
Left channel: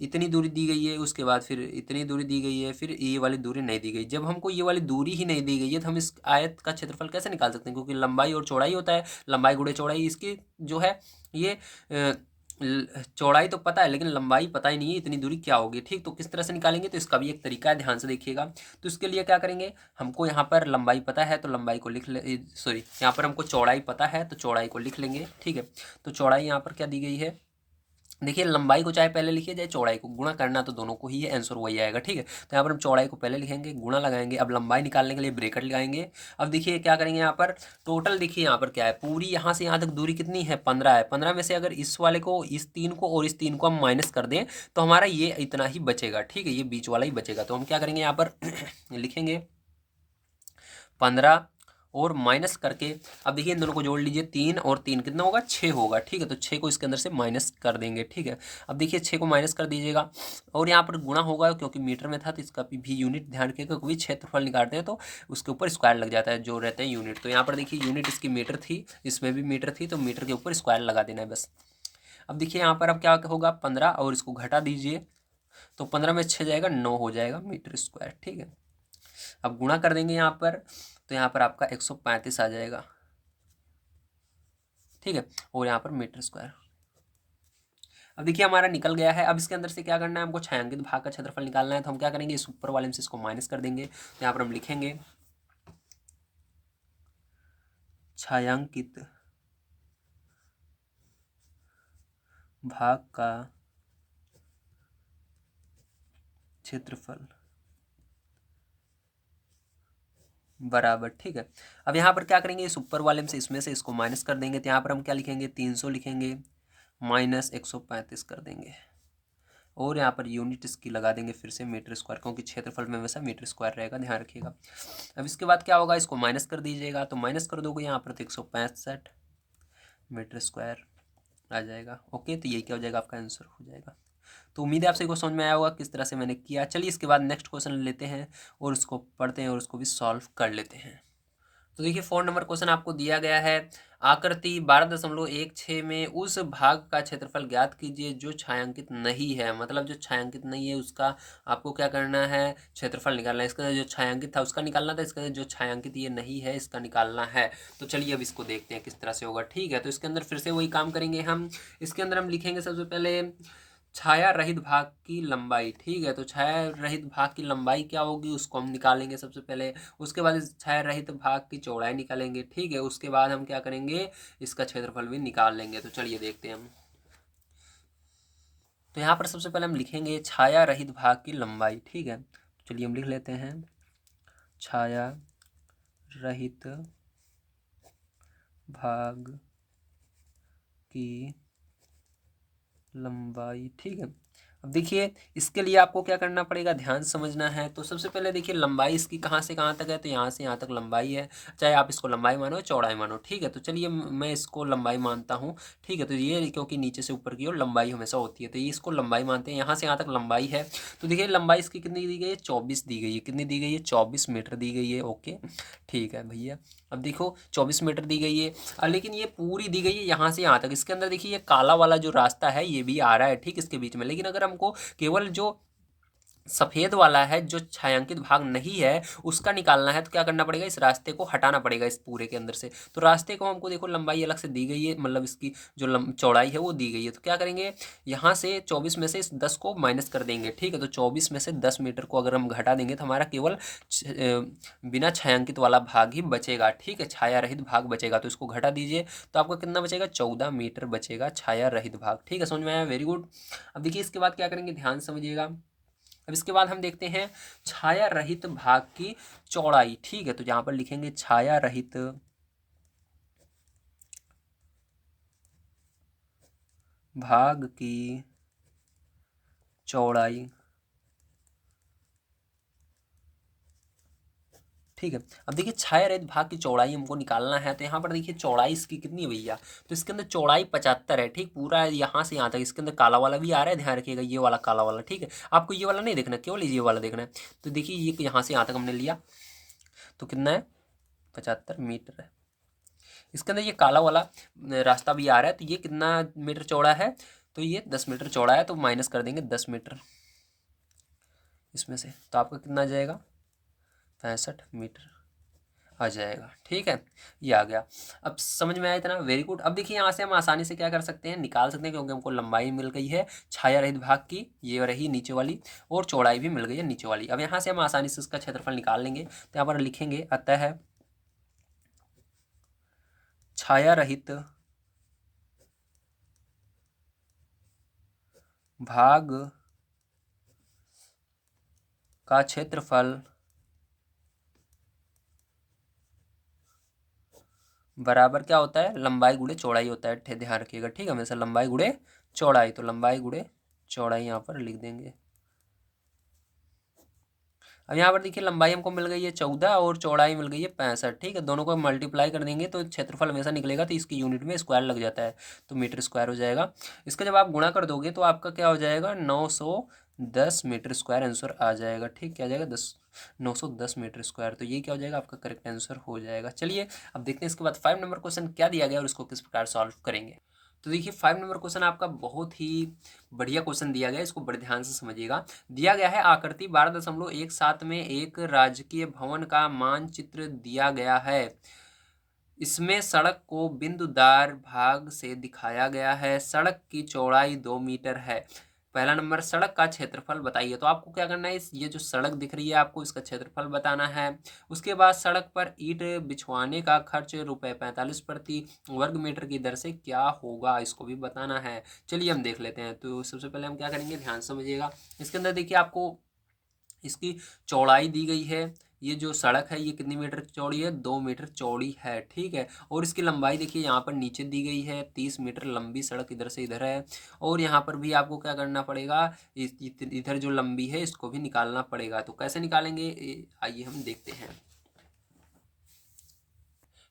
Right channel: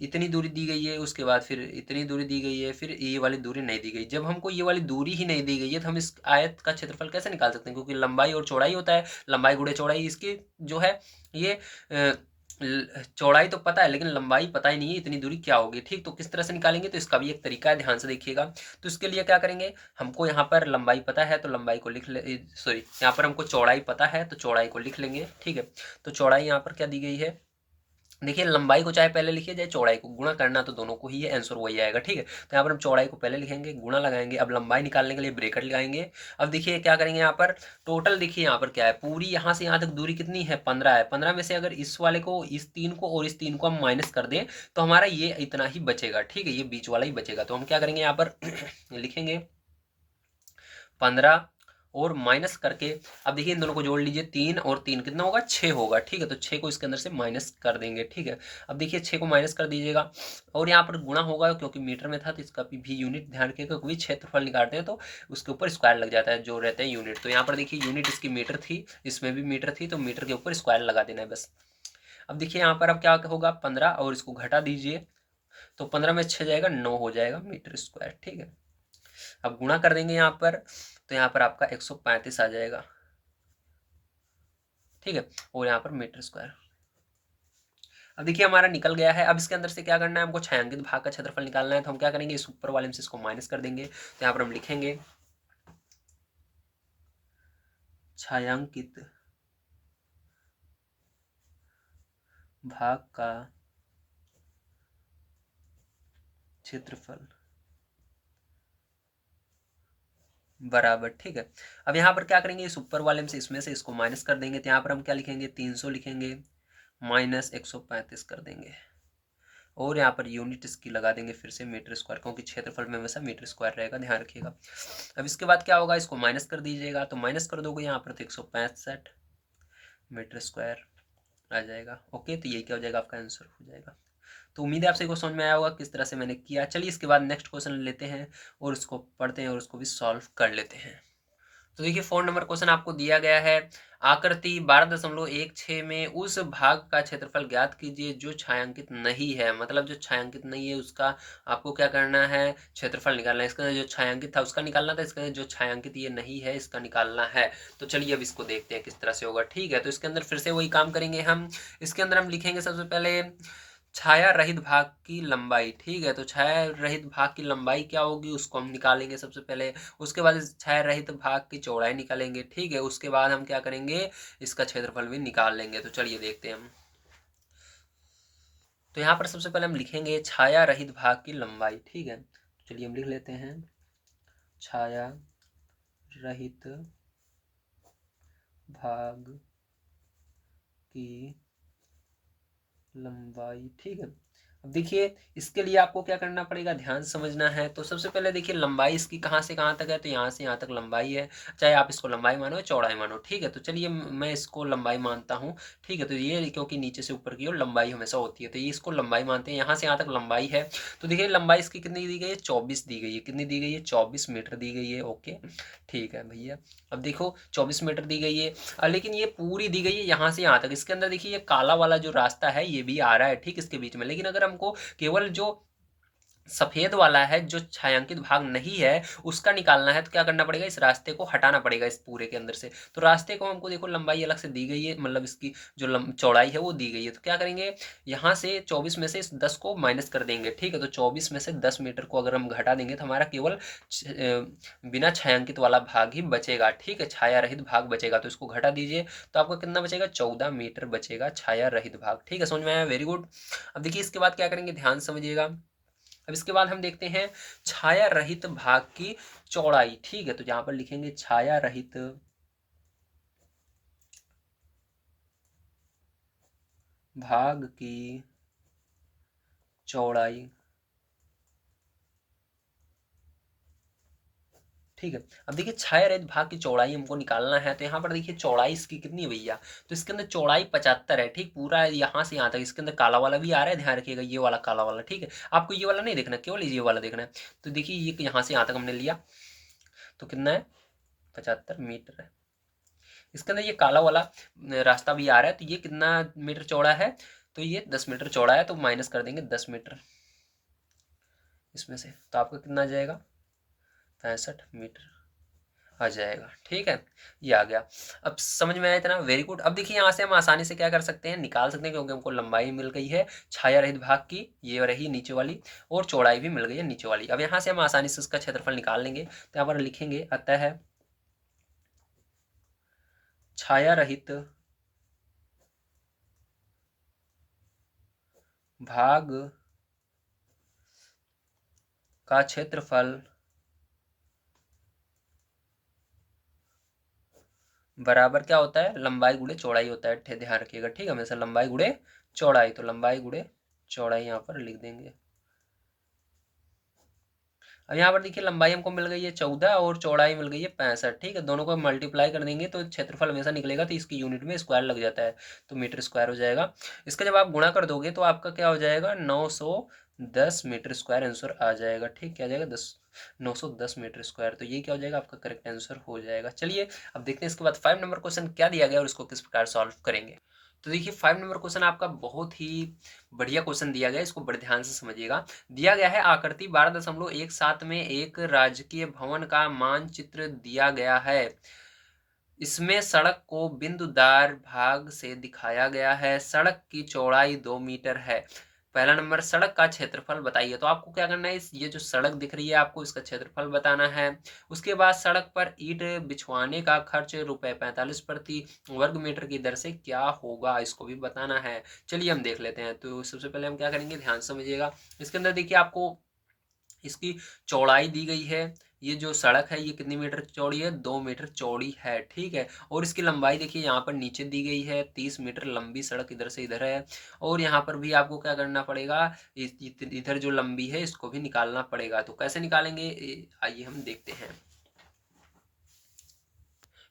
इतनी दूरी दी गई है, उसके बाद फिर इतनी दूरी दी गई है, फिर ये वाली दूरी नहीं दी गई। जब हमको ये वाली दूरी ही नहीं दी गई है तो हम इस आयत का क्षेत्रफल कैसे निकाल सकते हैं, क्योंकि लंबाई और चौड़ाई होता है, लंबाई गुणे चौड़ाई। इसकी जो है ये चौड़ाई तो पता है लेकिन लंबाई पता ही नहीं है इतनी दूरी क्या होगी। ठीक, तो किस तरह से निकालेंगे, तो इसका भी एक तरीका है, ध्यान से देखिएगा। तो इसके लिए क्या करेंगे, हमको यहाँ पर लंबाई पता है तो लंबाई को लिख ले, सॉरी, यहाँ पर हमको चौड़ाई पता है तो चौड़ाई को लिख लेंगे। ठीक है, तो चौड़ाई यहाँ पर क्या दी गई है, देखिए लंबाई को चाहे पहले लिखिए चाहे चौड़ाई को, गुणा करना तो दोनों को ही है, आंसर वही आएगा। ठीक है, तो यहाँ पर हम चौड़ाई को पहले लिखेंगे, गुणा लगाएंगे, अब लंबाई निकालने के लिए ब्रेकेट लगाएंगे। अब देखिए क्या करेंगे, यहाँ पर टोटल देखिए यहाँ पर क्या है, पूरी यहाँ से यहाँ तक दूरी कितनी है, 15 है। 15 में से अगर इस वाले को, इस 3 को और इस 3 को हम माइनस कर दें तो हमारा ये इतना ही बचेगा। ठीक है, ये बीच वाला ही बचेगा। तो हम क्या करेंगे यहाँ पर लिखेंगे 15 और माइनस करके, अब देखिए इन दोनों को जोड़ लीजिए, 3 और 3 कितना होगा, 6 होगा। ठीक है, तो 6 को इसके अंदर से माइनस कर देंगे। ठीक है, अब देखिए 6 को माइनस कर दीजिएगा और यहाँ पर गुणा होगा, क्योंकि मीटर में था तो इसका भी यूनिट ध्यान रखिएगा, कोई क्षेत्रफल निकालते हैं तो उसके ऊपर स्क्वायर लग जाता है, जो रहते हैं यूनिट। तो यहाँ पर देखिए यूनिट इसकी मीटर थी, इसमें भी मीटर थी, तो मीटर के ऊपर स्क्वायर लगा देना है बस। अब देखिए यहाँ पर अब क्या होगा, 15 और इसको घटा दीजिए, तो 15 में 6 जाएगा, 9 हो जाएगा मीटर स्क्वायर। ठीक है, अब गुणा कर देंगे यहाँ पर, तो यहाँ पर आपका 135 आ जाएगा। ठीक है, और यहाँ पर मीटर स्क्वायर। अब देखिए हमारा निकल गया है। अब इसके अंदर से क्या करना है, हमको छायांकित भाग का क्षेत्रफल निकालना है। तो हम क्या करेंगे, इस ऊपर वाले में से इसको माइनस कर देंगे। तो यहाँ पर हम लिखेंगे छायांकित भाग का क्षेत्रफल बराबर। ठीक है, अब यहाँ पर क्या करेंगे, इस ऊपर वाले में से इसमें से इसको माइनस कर देंगे। तो यहाँ पर हम क्या लिखेंगे, 300 लिखेंगे, माइनस 135 कर देंगे। और यहाँ पर यूनिट इसकी लगा देंगे फिर से मीटर स्क्वायर, क्योंकि क्षेत्रफल में हमेशा मीटर स्क्वायर रहेगा, ध्यान रखिएगा। अब इसके बाद क्या होगा, इसको माइनस कर दीजिएगा, तो माइनस कर दोगे यहाँ पर तो 165 मीटर स्क्वायर आ जाएगा। ओके, तो ये क्या हो जाएगा, आपका आंसर हो जाएगा। तो उम्मीद है आपसे को समझ में आया होगा किस तरह से मैंने किया। चलिए इसके बाद नेक्स्ट क्वेश्चन लेते हैं और उसको पढ़ते हैं और उसको भी सॉल्व कर लेते हैं। तो देखिए 4 नंबर क्वेश्चन आपको दिया गया है, आकृति 12.16 में उस भाग का क्षेत्रफल ज्ञात कीजिए जो छायांकित नहीं है। मतलब जो छायांकित नहीं है उसका आपको क्या करना है, क्षेत्रफल निकालना है। इसके अंदर जो छायांकित था उसका निकालना था, इसके अंदर जो छायांकित ये नहीं है इसका निकालना है। तो चलिए अब इसको देखते हैं किस तरह से होगा। ठीक है, तो इसके अंदर फिर से वही काम करेंगे हम। इसके अंदर हम लिखेंगे सबसे पहले छाया रहित भाग की लंबाई। ठीक है, तो छाया रहित भाग की लंबाई क्या होगी उसको हम निकालेंगे सबसे पहले। उसके बाद इस छाया रहित भाग की चौड़ाई निकालेंगे। ठीक है, उसके बाद हम क्या करेंगे, इसका क्षेत्रफल भी निकाल लेंगे। तो चलिए देखते हैं हम। तो यहाँ पर सबसे पहले हम लिखेंगे छाया रहित भाग की लंबाई। ठीक है, चलिए हम लिख लेते हैं छाया रहित भाग की लंबाई। ठीक है, अब देखिए इसके लिए आपको क्या करना पड़ेगा, ध्यान समझना है। तो सबसे पहले देखिए लंबाई इसकी कहाँ से कहाँ तक है, तो यहाँ से यहाँ तक लंबाई है, चाहे आप इसको लंबाई मानो या चौड़ाई मानो। ठीक है, तो चलिए मैं इसको लंबाई मानता हूँ। ठीक है, तो ये क्योंकि नीचे से ऊपर की ओर लंबाई हमेशा होती है, तो ये इसको लंबाई मानते हैं। यहाँ से यहाँ तक लंबाई है, तो देखिए लंबाई इसकी कितनी दी गई है, 24 दी गई है। कितनी दी गई है, 24 मीटर दी गई है। ओके, ठीक है भैया, अब देखो 24 मीटर दी गई है, लेकिन ये पूरी दी गई है यहाँ से यहाँ तक। इसके अंदर देखिए ये काला वाला जो रास्ता है ये भी आ रहा है ठीक इसके बीच में, लेकिन अगर हमको केवल जो सफेद वाला है जो छायांकित भाग नहीं है उसका निकालना है, तो क्या करना पड़ेगा, इस रास्ते को हटाना पड़ेगा इस पूरे के अंदर से। तो रास्ते को हमको देखो लंबाई अलग से दी गई है, मतलब इसकी जो चौड़ाई है वो दी गई है। तो क्या करेंगे, यहाँ से 24 में से इस 10 को माइनस कर देंगे। ठीक है, तो 24 में से 10 मीटर को अगर हम घटा देंगे तो हमारा केवल बिना छायांकित वाला भाग ही बचेगा। ठीक है, छाया रहित भाग बचेगा, तो इसको घटा दीजिए तो आपको कितना बचेगा, 14 मीटर बचेगा छाया रहित भाग। ठीक है, समझ में आया, वेरी गुड। अब देखिए इसके बाद क्या करेंगे, ध्यान समझिएगा। अब इसके बाद हम देखते हैं छाया रहित भाग की चौड़ाई। ठीक है, तो यहां पर लिखेंगे छाया रहित भाग की चौड़ाई। ठीक है, अब देखिए छाया रहित भाग की चौड़ाई हमको निकालना है, तो यहाँ पर देखिए चौड़ाई इसकी कितनी है भैया, तो इसके अंदर चौड़ाई 75 है। ठीक, पूरा यहाँ से यहाँ तक। इसके अंदर काला वाला भी आ रहा है, ध्यान रखिएगा, ये वाला काला वाला। ठीक है, आपको ये वाला नहीं देखना, केवल ये वाला देखना है। तो देखिए ये यहाँ से यहाँ तक हमने लिया, तो कितना है, 75 मीटर है। इसके अंदर ये काला वाला रास्ता भी आ रहा है, तो ये कितना मीटर चौड़ा है, तो ये 10 मीटर चौड़ा है, तो माइनस कर देंगे 10 मीटर इसमें से, तो आपका कितना आ जाएगा, 65 मीटर आ जाएगा। ठीक है, ये आ गया। अब समझ में आया इतना, वेरी गुड। अब देखिए यहाँ से हम आसानी से क्या कर सकते हैं, निकाल सकते हैं, क्योंकि हमको लंबाई मिल गई है छाया रहित भाग की, ये रही नीचे वाली, और चौड़ाई भी मिल गई है नीचे वाली। अब यहाँ से हम आसानी से उसका क्षेत्रफल निकाल लेंगे। तो यहाँ पर लिखेंगे अतः छाया रहित भाग का क्षेत्रफल बराबर क्या होता है, लंबाई गुणे चौड़ाई होता है, ध्यान रखिएगा। ठीक है, हमेशा लंबाई गुणे चौड़ाई, तो लंबाई गुणे चौड़ाई यहाँ पर लिख देंगे। अब यहाँ पर देखिए लंबाई हमको मिल गई है 14 और चौड़ाई मिल गई है 65। ठीक है, दोनों को मल्टीप्लाई कर देंगे तो क्षेत्रफल हमेशा निकलेगा, तो इसकी यूनिट में स्क्वायर लग जाता है, तो मीटर स्क्वायर हो जाएगा। इसका जब आप गुणा कर दोगे तो आपका क्या हो जाएगा, 910 मीटर स्क्वायर आंसर आ जाएगा। ठीक, क्या आ जाएगा, 910 मीटर स्क्वायर। तो ये क्या हो जाएगा, आपका करेक्ट आंसर हो जाएगा। चलिए अब देखते हैं इसके बाद 5 नंबर क्वेश्चन क्या दिया गया और उसको किस प्रकार सॉल्व करेंगे। तो देखिए 5 नंबर क्वेश्चन आपका बहुत ही बढ़िया क्वेश्चन दिया गया है, इसको बड़े ध्यान से समझिएगा। दिया गया है आकृति 12.17 में एक राजकीय भवन का मानचित्र दिया गया है। इसमें सड़क को बिंदुदार भाग से दिखाया गया है। सड़क की चौड़ाई 2 मीटर है। पहला नंबर, सड़क का क्षेत्रफल बताइए। तो आपको क्या करना है, इस ये जो सड़क दिख रही है आपको इसका क्षेत्रफल बताना है। उसके बाद सड़क पर ईंट बिछवाने का खर्च ₹45 प्रति वर्ग मीटर की दर से क्या होगा, इसको भी बताना है। चलिए हम देख लेते हैं। तो सबसे पहले हम क्या करेंगे, ध्यान समझिएगा। इसके अंदर देखिए आपको इसकी चौड़ाई दी गई है, ये जो सड़क है ये कितनी मीटर चौड़ी है, 2 मीटर चौड़ी है, ठीक है। और इसकी लंबाई देखिए यहाँ पर नीचे दी गई है, 30 मीटर लंबी सड़क इधर से इधर है। और यहाँ पर भी आपको क्या करना पड़ेगा, इधर जो लंबी है इसको भी निकालना पड़ेगा। तो कैसे निकालेंगे, आइए हम देखते हैं।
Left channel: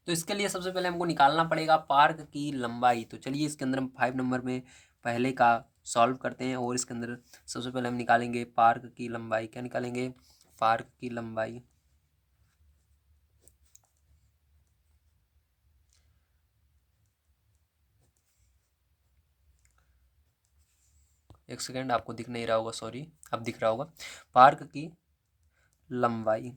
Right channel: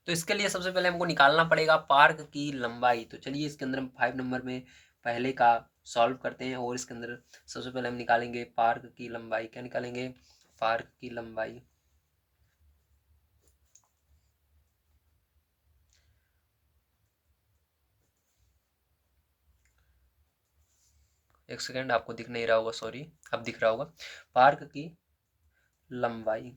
तो इसके लिए सबसे पहले हमको निकालना पड़ेगा पार्क की लंबाई। तो चलिए इसके अंदर हम 5 नंबर में पहले का सॉल्व करते हैं, और इसके अंदर सबसे पहले हम निकालेंगे पार्क की लंबाई। क्या निकालेंगे, पार्क की लंबाई। एक सेकेंड, आपको दिख नहीं रहा होगा, सॉरी, अब दिख रहा होगा। पार्क की लंबाई,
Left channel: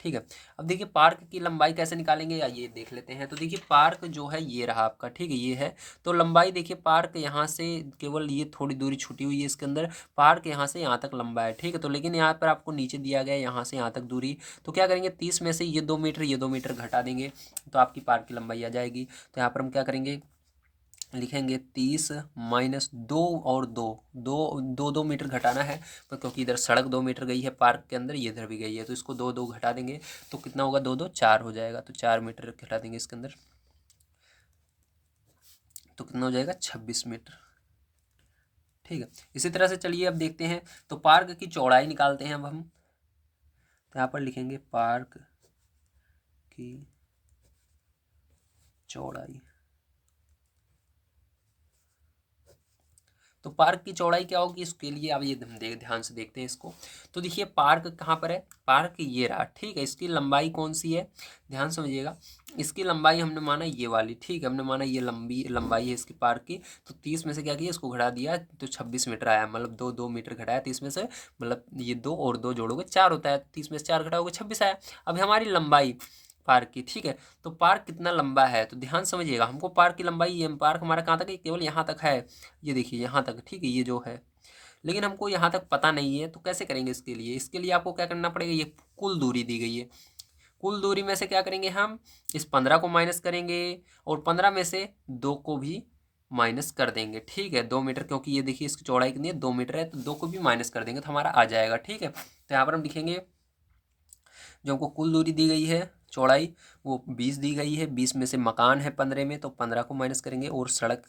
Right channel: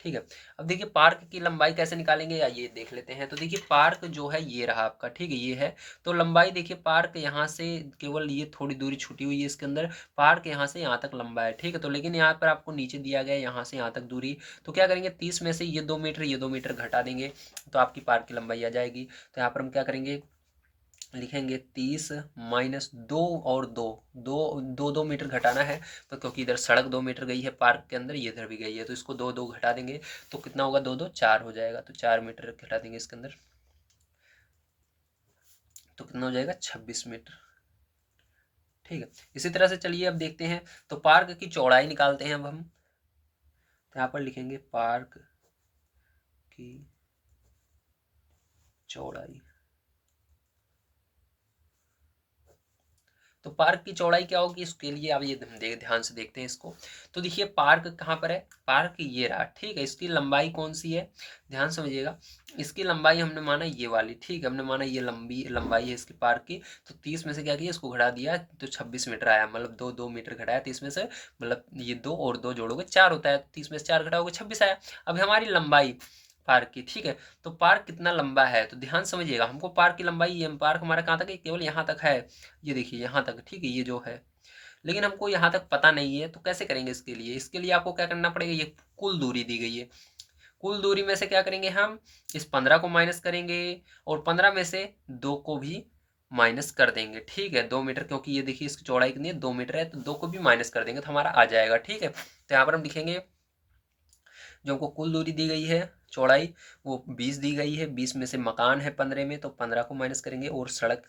ठीक है। अब देखिए पार्क की लंबाई कैसे निकालेंगे, या ये देख लेते हैं। तो देखिए पार्क जो है ये रहा आपका, ठीक है, ये है। तो लंबाई देखिए पार्क यहाँ से केवल ये थोड़ी दूरी छुटी हुई है इसके अंदर, पार्क यहाँ से यहाँ तक लंबा है, ठीक है। तो लेकिन यहाँ पर आपको नीचे दिया गया है यहाँ से यहाँ तक दूरी। तो क्या करेंगे, 30 में से ये 2 मीटर ये 2 मीटर घटा देंगे, तो आपकी पार्क की लंबाई आ जाएगी। तो यहाँ पर हम क्या करेंगे, लिखेंगे 30 माइनस 2 और 2 2 2 2 मीटर घटाना है। तो क्योंकि इधर सड़क 2 मीटर गई है पार्क के अंदर, ये इधर भी गई है, तो इसको 2 2 घटा देंगे। तो कितना होगा, 2 2 4 हो जाएगा। तो 4 मीटर घटा देंगे इसके अंदर, तो कितना हो जाएगा, 26 मीटर, ठीक है। इसी तरह से चलिए अब देखते हैं। तो पार्क की चौड़ाई निकालते हैं अब हम। तो यहाँ पर लिखेंगे पार्क की चौड़ाई। तो पार्क की चौड़ाई क्या होगी, इसके लिए अब ये ध्यान से देखते हैं इसको। तो देखिए पार्क कहाँ पर है, पार्क ये रहा, ठीक है। इसकी लंबाई कौन सी है, ध्यान समझिएगा। इसकी लंबाई हमने माना ये वाली, ठीक है, हमने माना ये लंबी लंबाई है इसकी पार्क की। तो 30 में से क्या किया, इसको घटा दिया, तो 26 मीटर आया, मतलब 2 2 मीटर घटाया 30 में से, मतलब ये 2 और 2 जोड़ोगे 4 होता है, 30 में से 4 घटाओगे 26 आया। अब हमारी लंबाई पार्क की, ठीक है। तो पार्क कितना लंबा है, तो ध्यान समझिएगा, हमको पार्क की लंबाई, ये पार्क हमारा कहाँ तक है, केवल यहाँ तक है, ये देखिए यहाँ तक, ठीक है, ये जो है। लेकिन हमको यहाँ तक पता नहीं है, तो कैसे करेंगे इसके लिए, इसके लिए आपको क्या करना पड़ेगा, ये कुल दूरी दी गई है, कुल दूरी में से क्या करेंगे हम, इस 15 को माइनस करेंगे, और 15 में से 2 को भी माइनस कर देंगे, ठीक है। 2 मीटर, क्योंकि ये देखिए इसकी चौड़ाई कितनी है, 2 मीटर है, तो 2 को भी माइनस कर देंगे तो हमारा आ जाएगा, ठीक है। तो यहाँ पर हम लिखेंगे जो हमको कुल दूरी दी गई है चौड़ाई, वो 20 दी गई है, 20 में से मकान है 15 में, तो 15 को माइनस करेंगे, और सड़क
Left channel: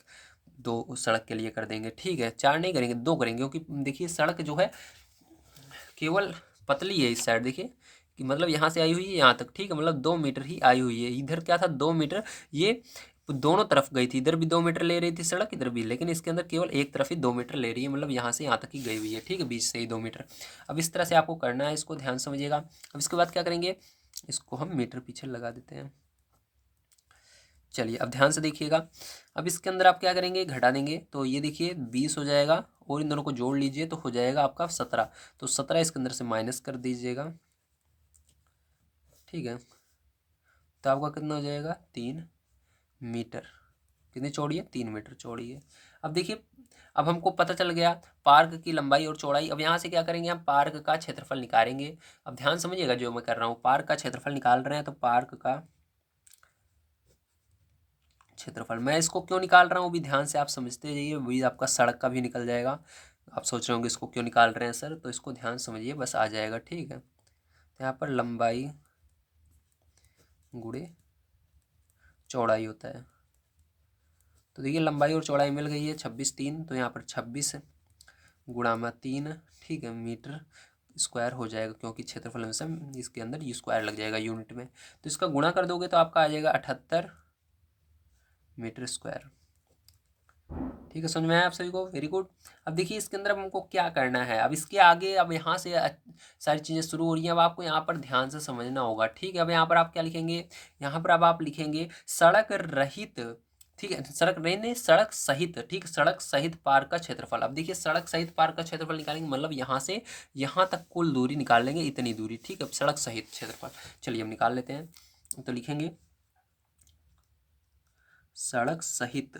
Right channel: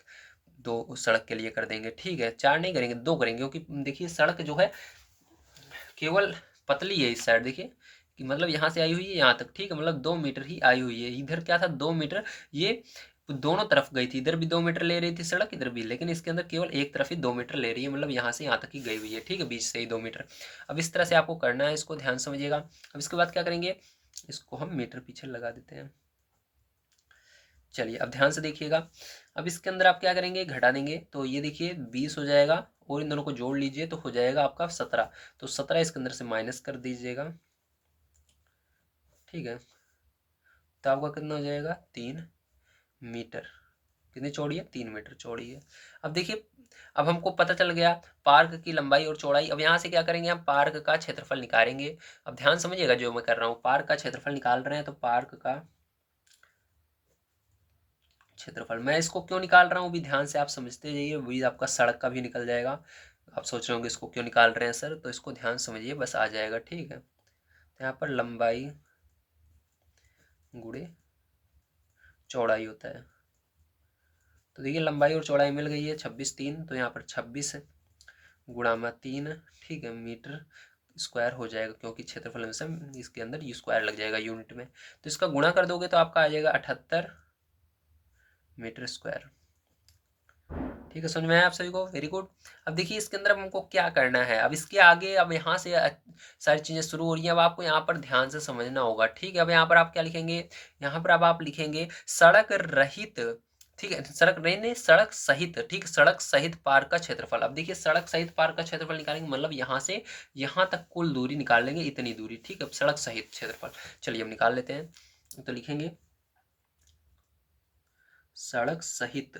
2 सड़क के लिए कर देंगे, ठीक है। 4 नहीं करेंगे, 2 करेंगे, क्योंकि देखिए सड़क जो है केवल पतली है इस साइड, देखिए कि मतलब यहाँ से आई हुई है यहाँ तक, ठीक है, मतलब 2 मीटर ही आई हुई है। इधर क्या था, 2 मीटर, ये दोनों तरफ गई थी, इधर भी 2 मीटर ले रही थी सड़क, इधर भी, लेकिन इसके अंदर केवल एक तरफ ही 2 मीटर ले रही है, मतलब यहाँ से यहाँ तक ही गई हुई है, ठीक है, बीच से ही 2 मीटर। अब इस तरह से आपको करना है, इसको ध्यान समझिएगा। अब इसके बाद क्या करेंगे, इसको हम मीटर पीछे लगा देते हैं। चलिए अब ध्यान से देखिएगा। अब इसके अंदर आप क्या करेंगे, घटा देंगे, तो ये देखिए 20 हो जाएगा, और इन दोनों को जोड़ लीजिए तो हो जाएगा आपका 17। तो 17 इसके अंदर से माइनस कर दीजिएगा, ठीक है। तो आपका कितना हो जाएगा, 3 मीटर। कितनी चौड़ी है, 3 मीटर चौड़ी है। अब देखिए, अब हमको पता चल गया पार्क की लंबाई और चौड़ाई। अब यहाँ से क्या करेंगे, हम पार्क का क्षेत्रफल निकालेंगे। अब ध्यान समझिएगा जो मैं कर रहा हूँ, पार्क का क्षेत्रफल निकाल रहे हैं, तो पार्क का क्षेत्रफल, मैं इसको क्यों निकाल रहा हूँ भी ध्यान से आप समझते जाइए, वही आपका सड़क का भी निकल जाएगा। आप सोच रहे होंगे इसको क्यों निकाल रहे हैं सर, तो इसको ध्यान समझिए, बस आ जाएगा, ठीक है। तो यहाँ पर लंबाई गुणे चौड़ाई होता है। तो देखिए लंबाई और चौड़ाई मिल गई है, 26 3, तो यहाँ पर 26 गुणा में 3, ठीक है, मीटर स्क्वायर हो जाएगा, क्योंकि क्षेत्रफल में से इसके अंदर यू स्क्वायर लग जाएगा यूनिट में। तो इसका गुणा कर दोगे तो आपका आ जाएगा 78 मीटर स्क्वायर, ठीक है। समझ में आया आप सभी को, वेरी गुड। अब देखिए इसके अंदर अब हमको क्या करना है, अब इसके आगे, अब यहाँ से सारी चीज़ें शुरू हो रही हैं, अब आपको यहाँ पर ध्यान से समझना होगा, ठीक है। अब यहाँ पर आप क्या लिखेंगे, यहाँ पर अब आप लिखेंगे सड़क रहित, ठीक है, सड़क नहीं नहीं सड़क सहित, ठीक, सड़क सहित पार्क का क्षेत्रफल। अब देखिए सड़क सहित पार्क का क्षेत्रफल निकालेंगे, मतलब यहाँ से यहाँ तक कुल दूरी निकाल लेंगे, इतनी दूरी, ठीक है, सड़क सहित क्षेत्रफल। चलिए हम निकाल लेते हैं, तो लिखेंगे सड़क सहित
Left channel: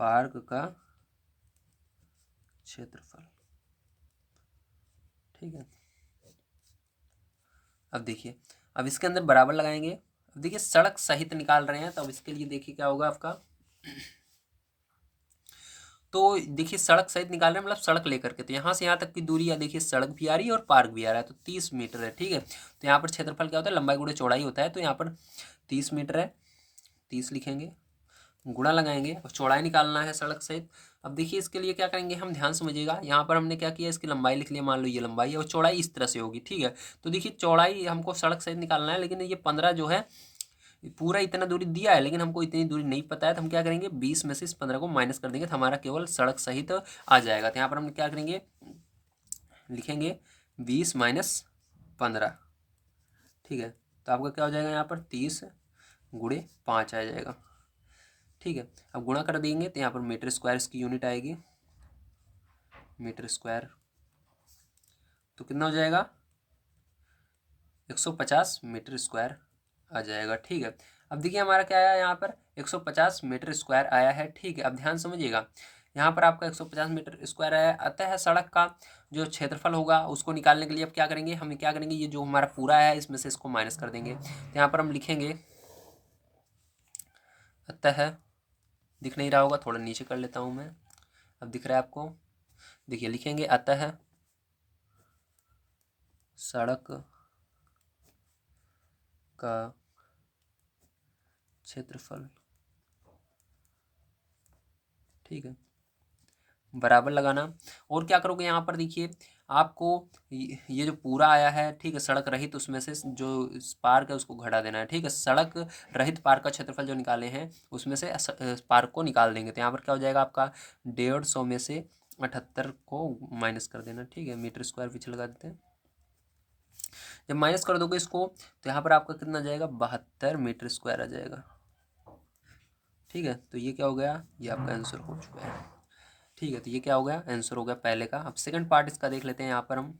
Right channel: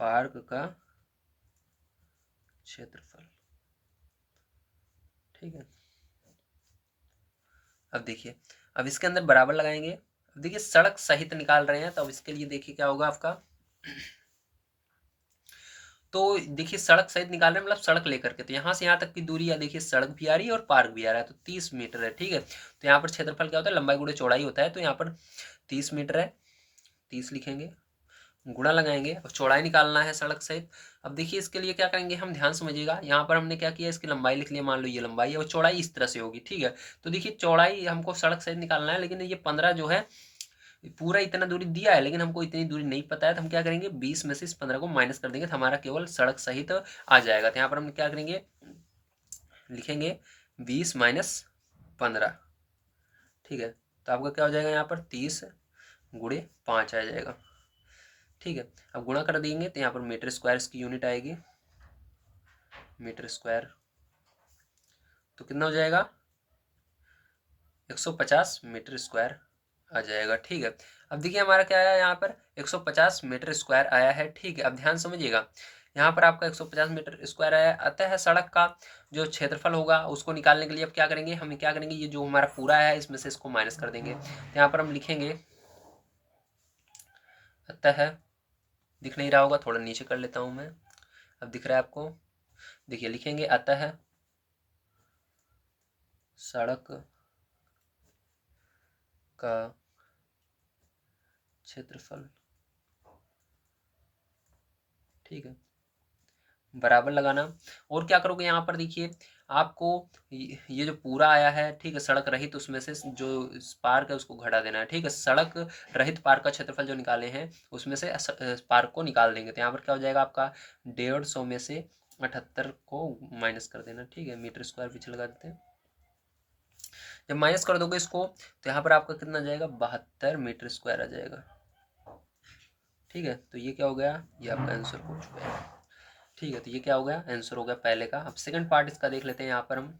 पार्क का क्षेत्रफल, ठीक है। अब देखिए, अब इसके अंदर बराबर लगाएंगे। अब देखिए सड़क सहित निकाल रहे हैं, तो अब इसके लिए देखिए क्या होगा आपका, तो देखिए सड़क सहित निकाल रहे हैं, मतलब सड़क लेकर के, तो यहाँ से यहाँ तक की दूरी या देखिए सड़क भी आ रही है और पार्क भी आ रहा है, तो 30 मीटर है। ठीक है, तो यहाँ पर क्षेत्रफल क्या होता है, लंबाई गुणे चौड़ाई होता है, तो यहाँ पर 30 मीटर है, 30 लिखेंगे, गुणा लगाएंगे और चौड़ाई निकालना है सड़क सहित। अब देखिए इसके लिए क्या करेंगे हम, ध्यान समझिएगा, यहाँ पर हमने क्या किया, इसकी लंबाई लिख लिया, मान लो ये लंबाई है और चौड़ाई इस तरह से होगी। ठीक है, तो देखिए चौड़ाई हमको सड़क सहित निकालना है, लेकिन ये 15 जो है पूरा इतना दूरी दिया है, लेकिन हमको इतनी दूरी नहीं पता है, तो हम क्या करेंगे 20 में से इस 15 को माइनस कर देंगे, तो हमारा केवल सड़क सहित आ जाएगा। तो यहाँ पर हम क्या करेंगे, लिखेंगे 20 - 15। ठीक है, तो आपका क्या हो जाएगा, यहाँ पर 30 × 5 आ जाएगा। ठीक है, अब गुणा कर देंगे तो यहाँ पर मीटर स्क्वायर इसकी यूनिट आएगी, मीटर स्क्वायर, तो कितना हो जाएगा 150 मीटर स्क्वायर आ जाएगा। ठीक है, अब देखिए हमारा क्या आया, यहाँ पर 150 मीटर स्क्वायर आया है। ठीक है, अब ध्यान समझिएगा, यहाँ पर आपका 150 मीटर स्क्वायर आया, अतः सड़क का जो क्षेत्रफल होगा उसको निकालने के लिए अब क्या करेंगे, हम क्या करेंगे, ये जो हमारा पूरा है इसमें से इसको माइनस कर देंगे। तो यहाँ पर हम लिखेंगे, अतः, दिख नहीं रहा होगा, थोड़ा नीचे कर लेता हूँ मैं, अब दिख रहा है आपको, देखिए लिखेंगे, अतः सड़क का क्षेत्रफल, ठीक है, बराबर लगाना। और क्या करोगे, यहाँ पर देखिए आपको ये जो पूरा आया है, ठीक है, सड़क रहित, उसमें से जो पार्क है उसको घटा देना है। ठीक है, सड़क रहित पार्क का क्षेत्रफल जो निकाले हैं उसमें से पार्क को निकाल देंगे, तो यहाँ पर क्या हो जाएगा आपका 150 में से 78 को माइनस कर देना। ठीक है, मीटर स्क्वायर पीछे लगा देते हैं, जब माइनस कर दोगे इसको तो यहाँ पर आपका कितना जाएगा, 72 मीटर स्क्वायर आ जाएगा। ठीक है, तो ये क्या हो गया, ये आपका आंसर हो चुका है। ठीक है, तो ये क्या हो गया, आंसर हो गया पहले का। अब सेकंड पार्ट इसका देख लेते हैं यहाँ पर हम,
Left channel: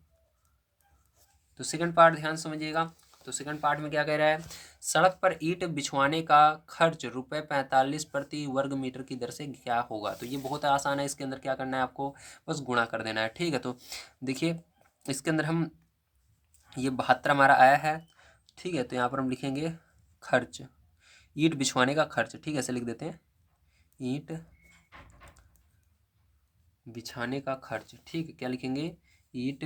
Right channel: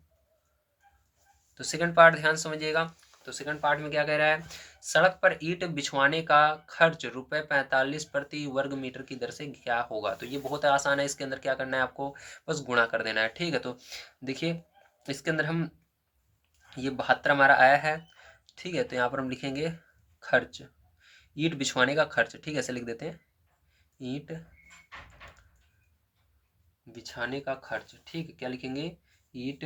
तो सेकंड पार्ट ध्यान समझिएगा। तो सेकंड पार्ट में क्या कह रहा है, सड़क पर ईंट बिछवाने का खर्च ₹45 प्रति वर्ग मीटर की दर से क्या होगा। तो ये बहुत आसान है, इसके अंदर क्या करना है आपको, बस गुणा कर देना है। ठीक है, तो देखिए इसके अंदर हम, ये 72 हमारा आया है। ठीक है, तो यहाँ पर हम लिखेंगे खर्च, ईंट बिछवाने का खर्च। ठीक है, ऐसे लिख देते हैं, ईंट बिछाने का खर्च। ठीक है, क्या लिखेंगे, ईंट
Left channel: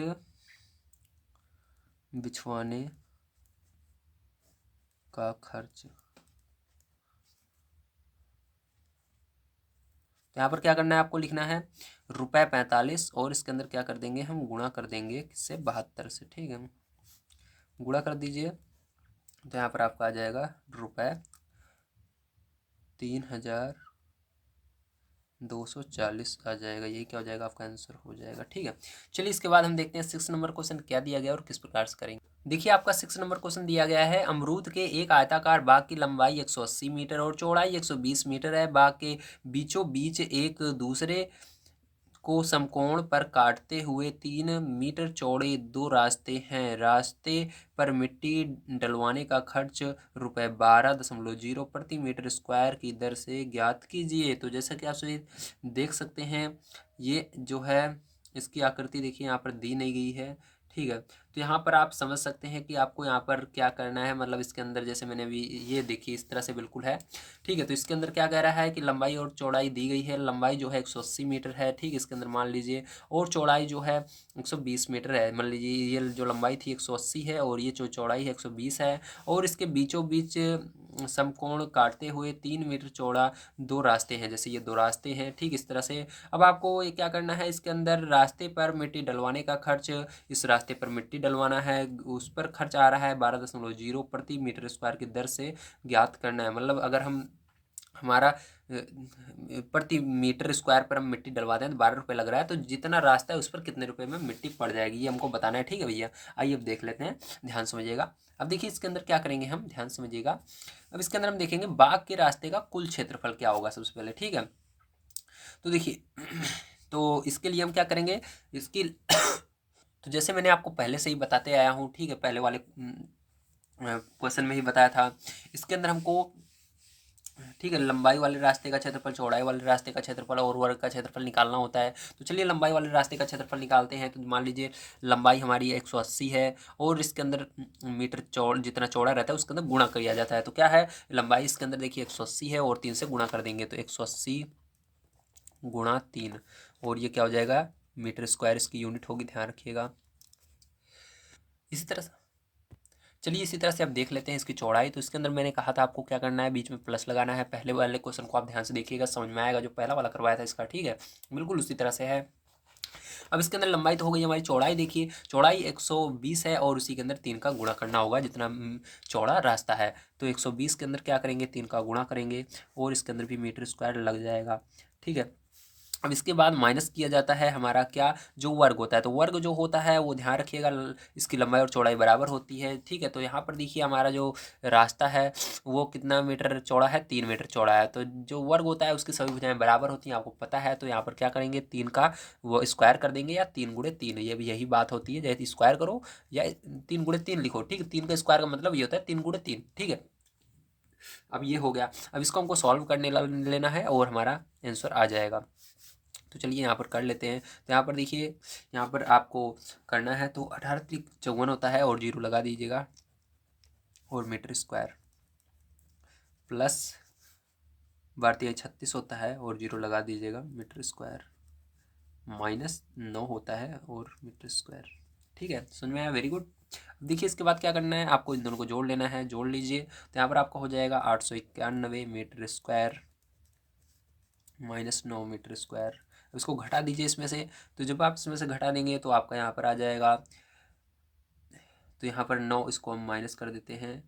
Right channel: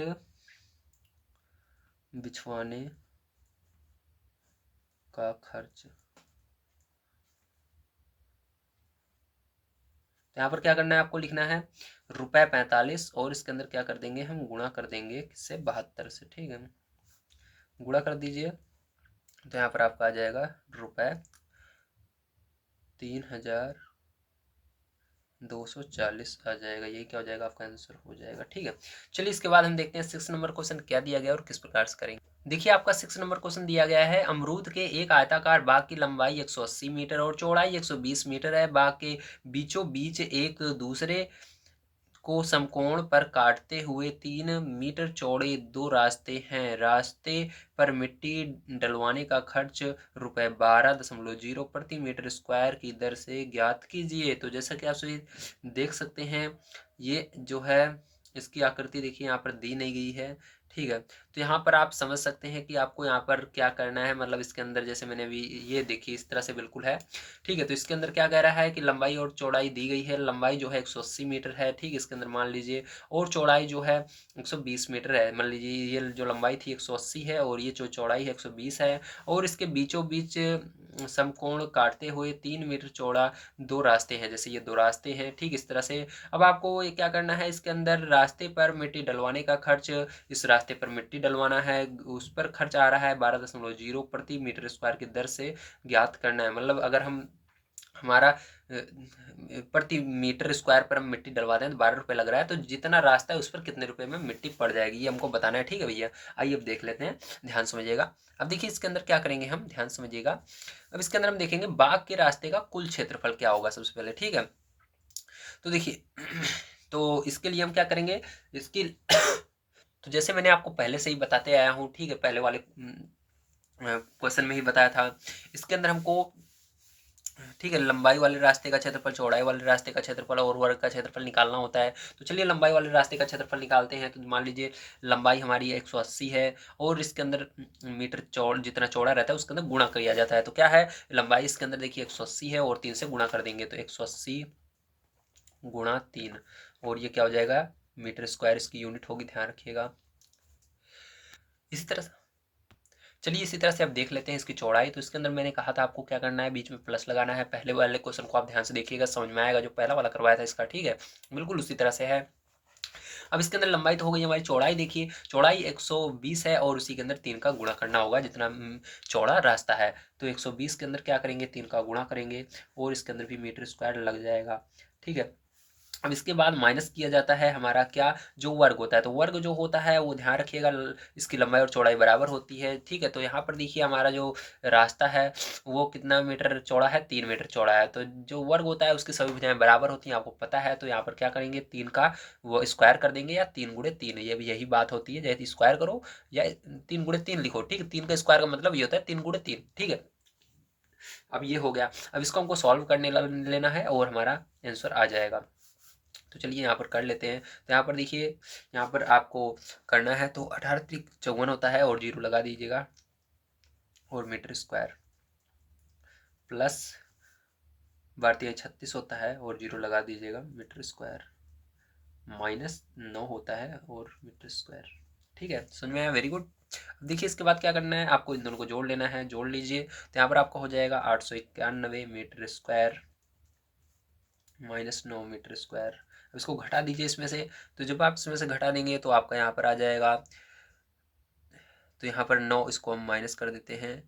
बिछवाने का खर्च। तो यहाँ पर क्या करना है आपको, लिखना है ₹45 और इसके अंदर क्या कर देंगे हम, गुणा कर देंगे किससे, 72 से। ठीक है, गुणा कर दीजिए, तो यहाँ पर आपका आ जाएगा ₹3240 आ जाएगा। यही क्या हो जाएगा, आपका आंसर हो जाएगा। ठीक है, चलिए इसके बाद हम देखते हैं 6 नंबर क्वेश्चन क्या दिया गया और किस प्रकार से करेंगे। देखिए आपका 6 नंबर क्वेश्चन दिया गया है, अमरूद के एक आयताकार बाग की लंबाई 180 मीटर और चौड़ाई 120 मीटर है। बाग के बीचों बीच एक दूसरे को समकोण पर काटते हुए 3 मीटर चौड़े दो रास्ते हैं। रास्ते पर मिट्टी डलवाने का खर्च ₹12.0 प्रति मीटर स्क्वायर की दर से ज्ञात कीजिए। तो जैसा कि आप सभी देख सकते हैं, ये जो है इसकी आकृति देखिए यहाँ पर दी नहीं गई है। ठीक है, तो यहाँ पर आप समझ सकते हैं कि आपको यहाँ पर क्या करना है, मतलब इसके अंदर जैसे मैंने अभी ये देखिए इस तरह से बिल्कुल है। ठीक है, तो इसके अंदर क्या कह रहा है कि लंबाई और चौड़ाई दी गई है, लंबाई जो है 180 मीटर है। ठीक है, इसके अंदर मान लीजिए, और चौड़ाई जो है 120 मीटर है। मान लीजिए ये जो लंबाई थी 180 है और ये जो चौड़ाई है 120 है, और इसके बीचों बीच समकोण काटते हुए 3 मीटर चौड़ा दो रास्ते हैं, जैसे ये दो रास्ते हैं। ठीक, इस तरह से अब आपको ये क्या करना है, इसके अंदर रास्ते पर मिट्टी डलवाने का खर्च, इस रास्ते पर मिट्टी डलवाना है, उस पर खर्च आ रहा है 12.0 प्रति मीटर स्क्वायर की दर से ज्ञात करना है। मतलब अगर हम हमारा प्रति मीटर स्क्वायर पर हम मिट्टी डलवाते हैं तो 12 रुपये लग रहा है, तो जितना रास्ता है उस पर कितने रुपए में मिट्टी पड़ जाएगी, ये हमको बताना है। ठीक है भैया, आइए अब देख लेते हैं, ध्यान समझिएगा। अब देखिए इसके अंदर क्या करेंगे हम, ध्यान समझिएगा। अब इसके अंदर हम देखेंगे बाग के रास्ते का कुल क्षेत्रफल क्या होगा सबसे पहले। ठीक है, तो देखिए तो इसके लिए हम क्या करेंगे, इसकी तो जैसे मैंने आपको पहले से ही बताते आया हूँ, ठीक है, पहले वाले क्वेश्चन में ही बताया था। इसके अंदर हमको, ठीक है, लंबाई वाले रास्ते का क्षेत्रफल, चौड़ाई वाले रास्ते का क्षेत्रफल और वर्ग का क्षेत्रफल निकालना होता है। तो चलिए लंबाई वाले रास्ते का क्षेत्रफल निकालते हैं। तो मान लीजिए लंबाई हमारी 180 है और इसके अंदर मीटर चौड़ जितना चौड़ा रहता है उसके अंदर गुणा किया जाता है। तो क्या है, लंबाई इसके अंदर देखिए 180 है और 3 से गुणा कर देंगे, तो 180 गुणा 3, और ये क्या हो जाएगा मीटर स्क्वायर इसकी यूनिट होगी, ध्यान रखिएगा। इसी तरह से चलिए इसी तरह से आप देख लेते हैं इसकी चौड़ाई। तो इसके अंदर मैंने कहा था आपको क्या करना है, बीच में प्लस लगाना है। पहले वाले क्वेश्चन को आप ध्यान से देखिएगा, समझ में आएगा, जो पहला वाला करवाया था इसका, ठीक है, बिल्कुल उसी तरह से है। अब इसके अंदर लंबाई तो हो गई हमारी, चौड़ाई देखिए, चौड़ाई 120 है और उसी के अंदर 3 का गुणा करना होगा जितना चौड़ा रास्ता है। तो 120 के अंदर क्या करेंगे, 3 का गुणा करेंगे और इसके अंदर भी मीटर स्क्वायर लग जाएगा, ठीक है। अब इसके बाद माइनस किया जाता है हमारा क्या, जो वर्ग होता है। तो वर्ग जो होता है वो ध्यान रखिएगा इसकी लंबाई और चौड़ाई बराबर होती है, ठीक है। तो यहाँ पर देखिए हमारा जो रास्ता है वो कितना मीटर चौड़ा है, 3 मीटर चौड़ा है। तो जो वर्ग होता है उसकी सभी भुजाएं बराबर होती हैं, आपको पता है। तो यहाँ पर क्या करेंगे, 3 का वो स्क्वायर कर देंगे, या 3 गुणे 3, ये भी यही बात होती है, जैसे स्क्वायर करो या 3 गुणे 3 लिखो, ठीक है। 3 का स्क्वायर का मतलब ये होता है 3 गुणे 3, ठीक है। अब ये हो गया। अब इसको हमको सॉल्व करने लेना है और हमारा आंसर आ जाएगा। तो चलिए यहाँ पर कर लेते हैं। तो यहाँ पर देखिए, यहाँ पर आपको करना है तो 18×54 होता है और 0 लगा दीजिएगा, और मीटर स्क्वायर प्लस 12×36 होता है और 0 लगा दीजिएगा, मीटर स्क्वायर माइनस 9 होता है और मीटर स्क्वायर, ठीक है। सुन में आया, वेरी गुड। अब देखिए इसके बाद क्या करना है, आपको इन दोनों को जोड़ लेना है, जोड़ लीजिए। तो यहाँ पर आपका हो जाएगा 891 metre square minus 9 metre square. अब इसको घटा दीजिए इसमें से। तो जब आप इसमें से घटा देंगे तो आपका यहाँ पर आ जाएगा, तो यहाँ पर 9 इसको हम माइनस कर देते हैं।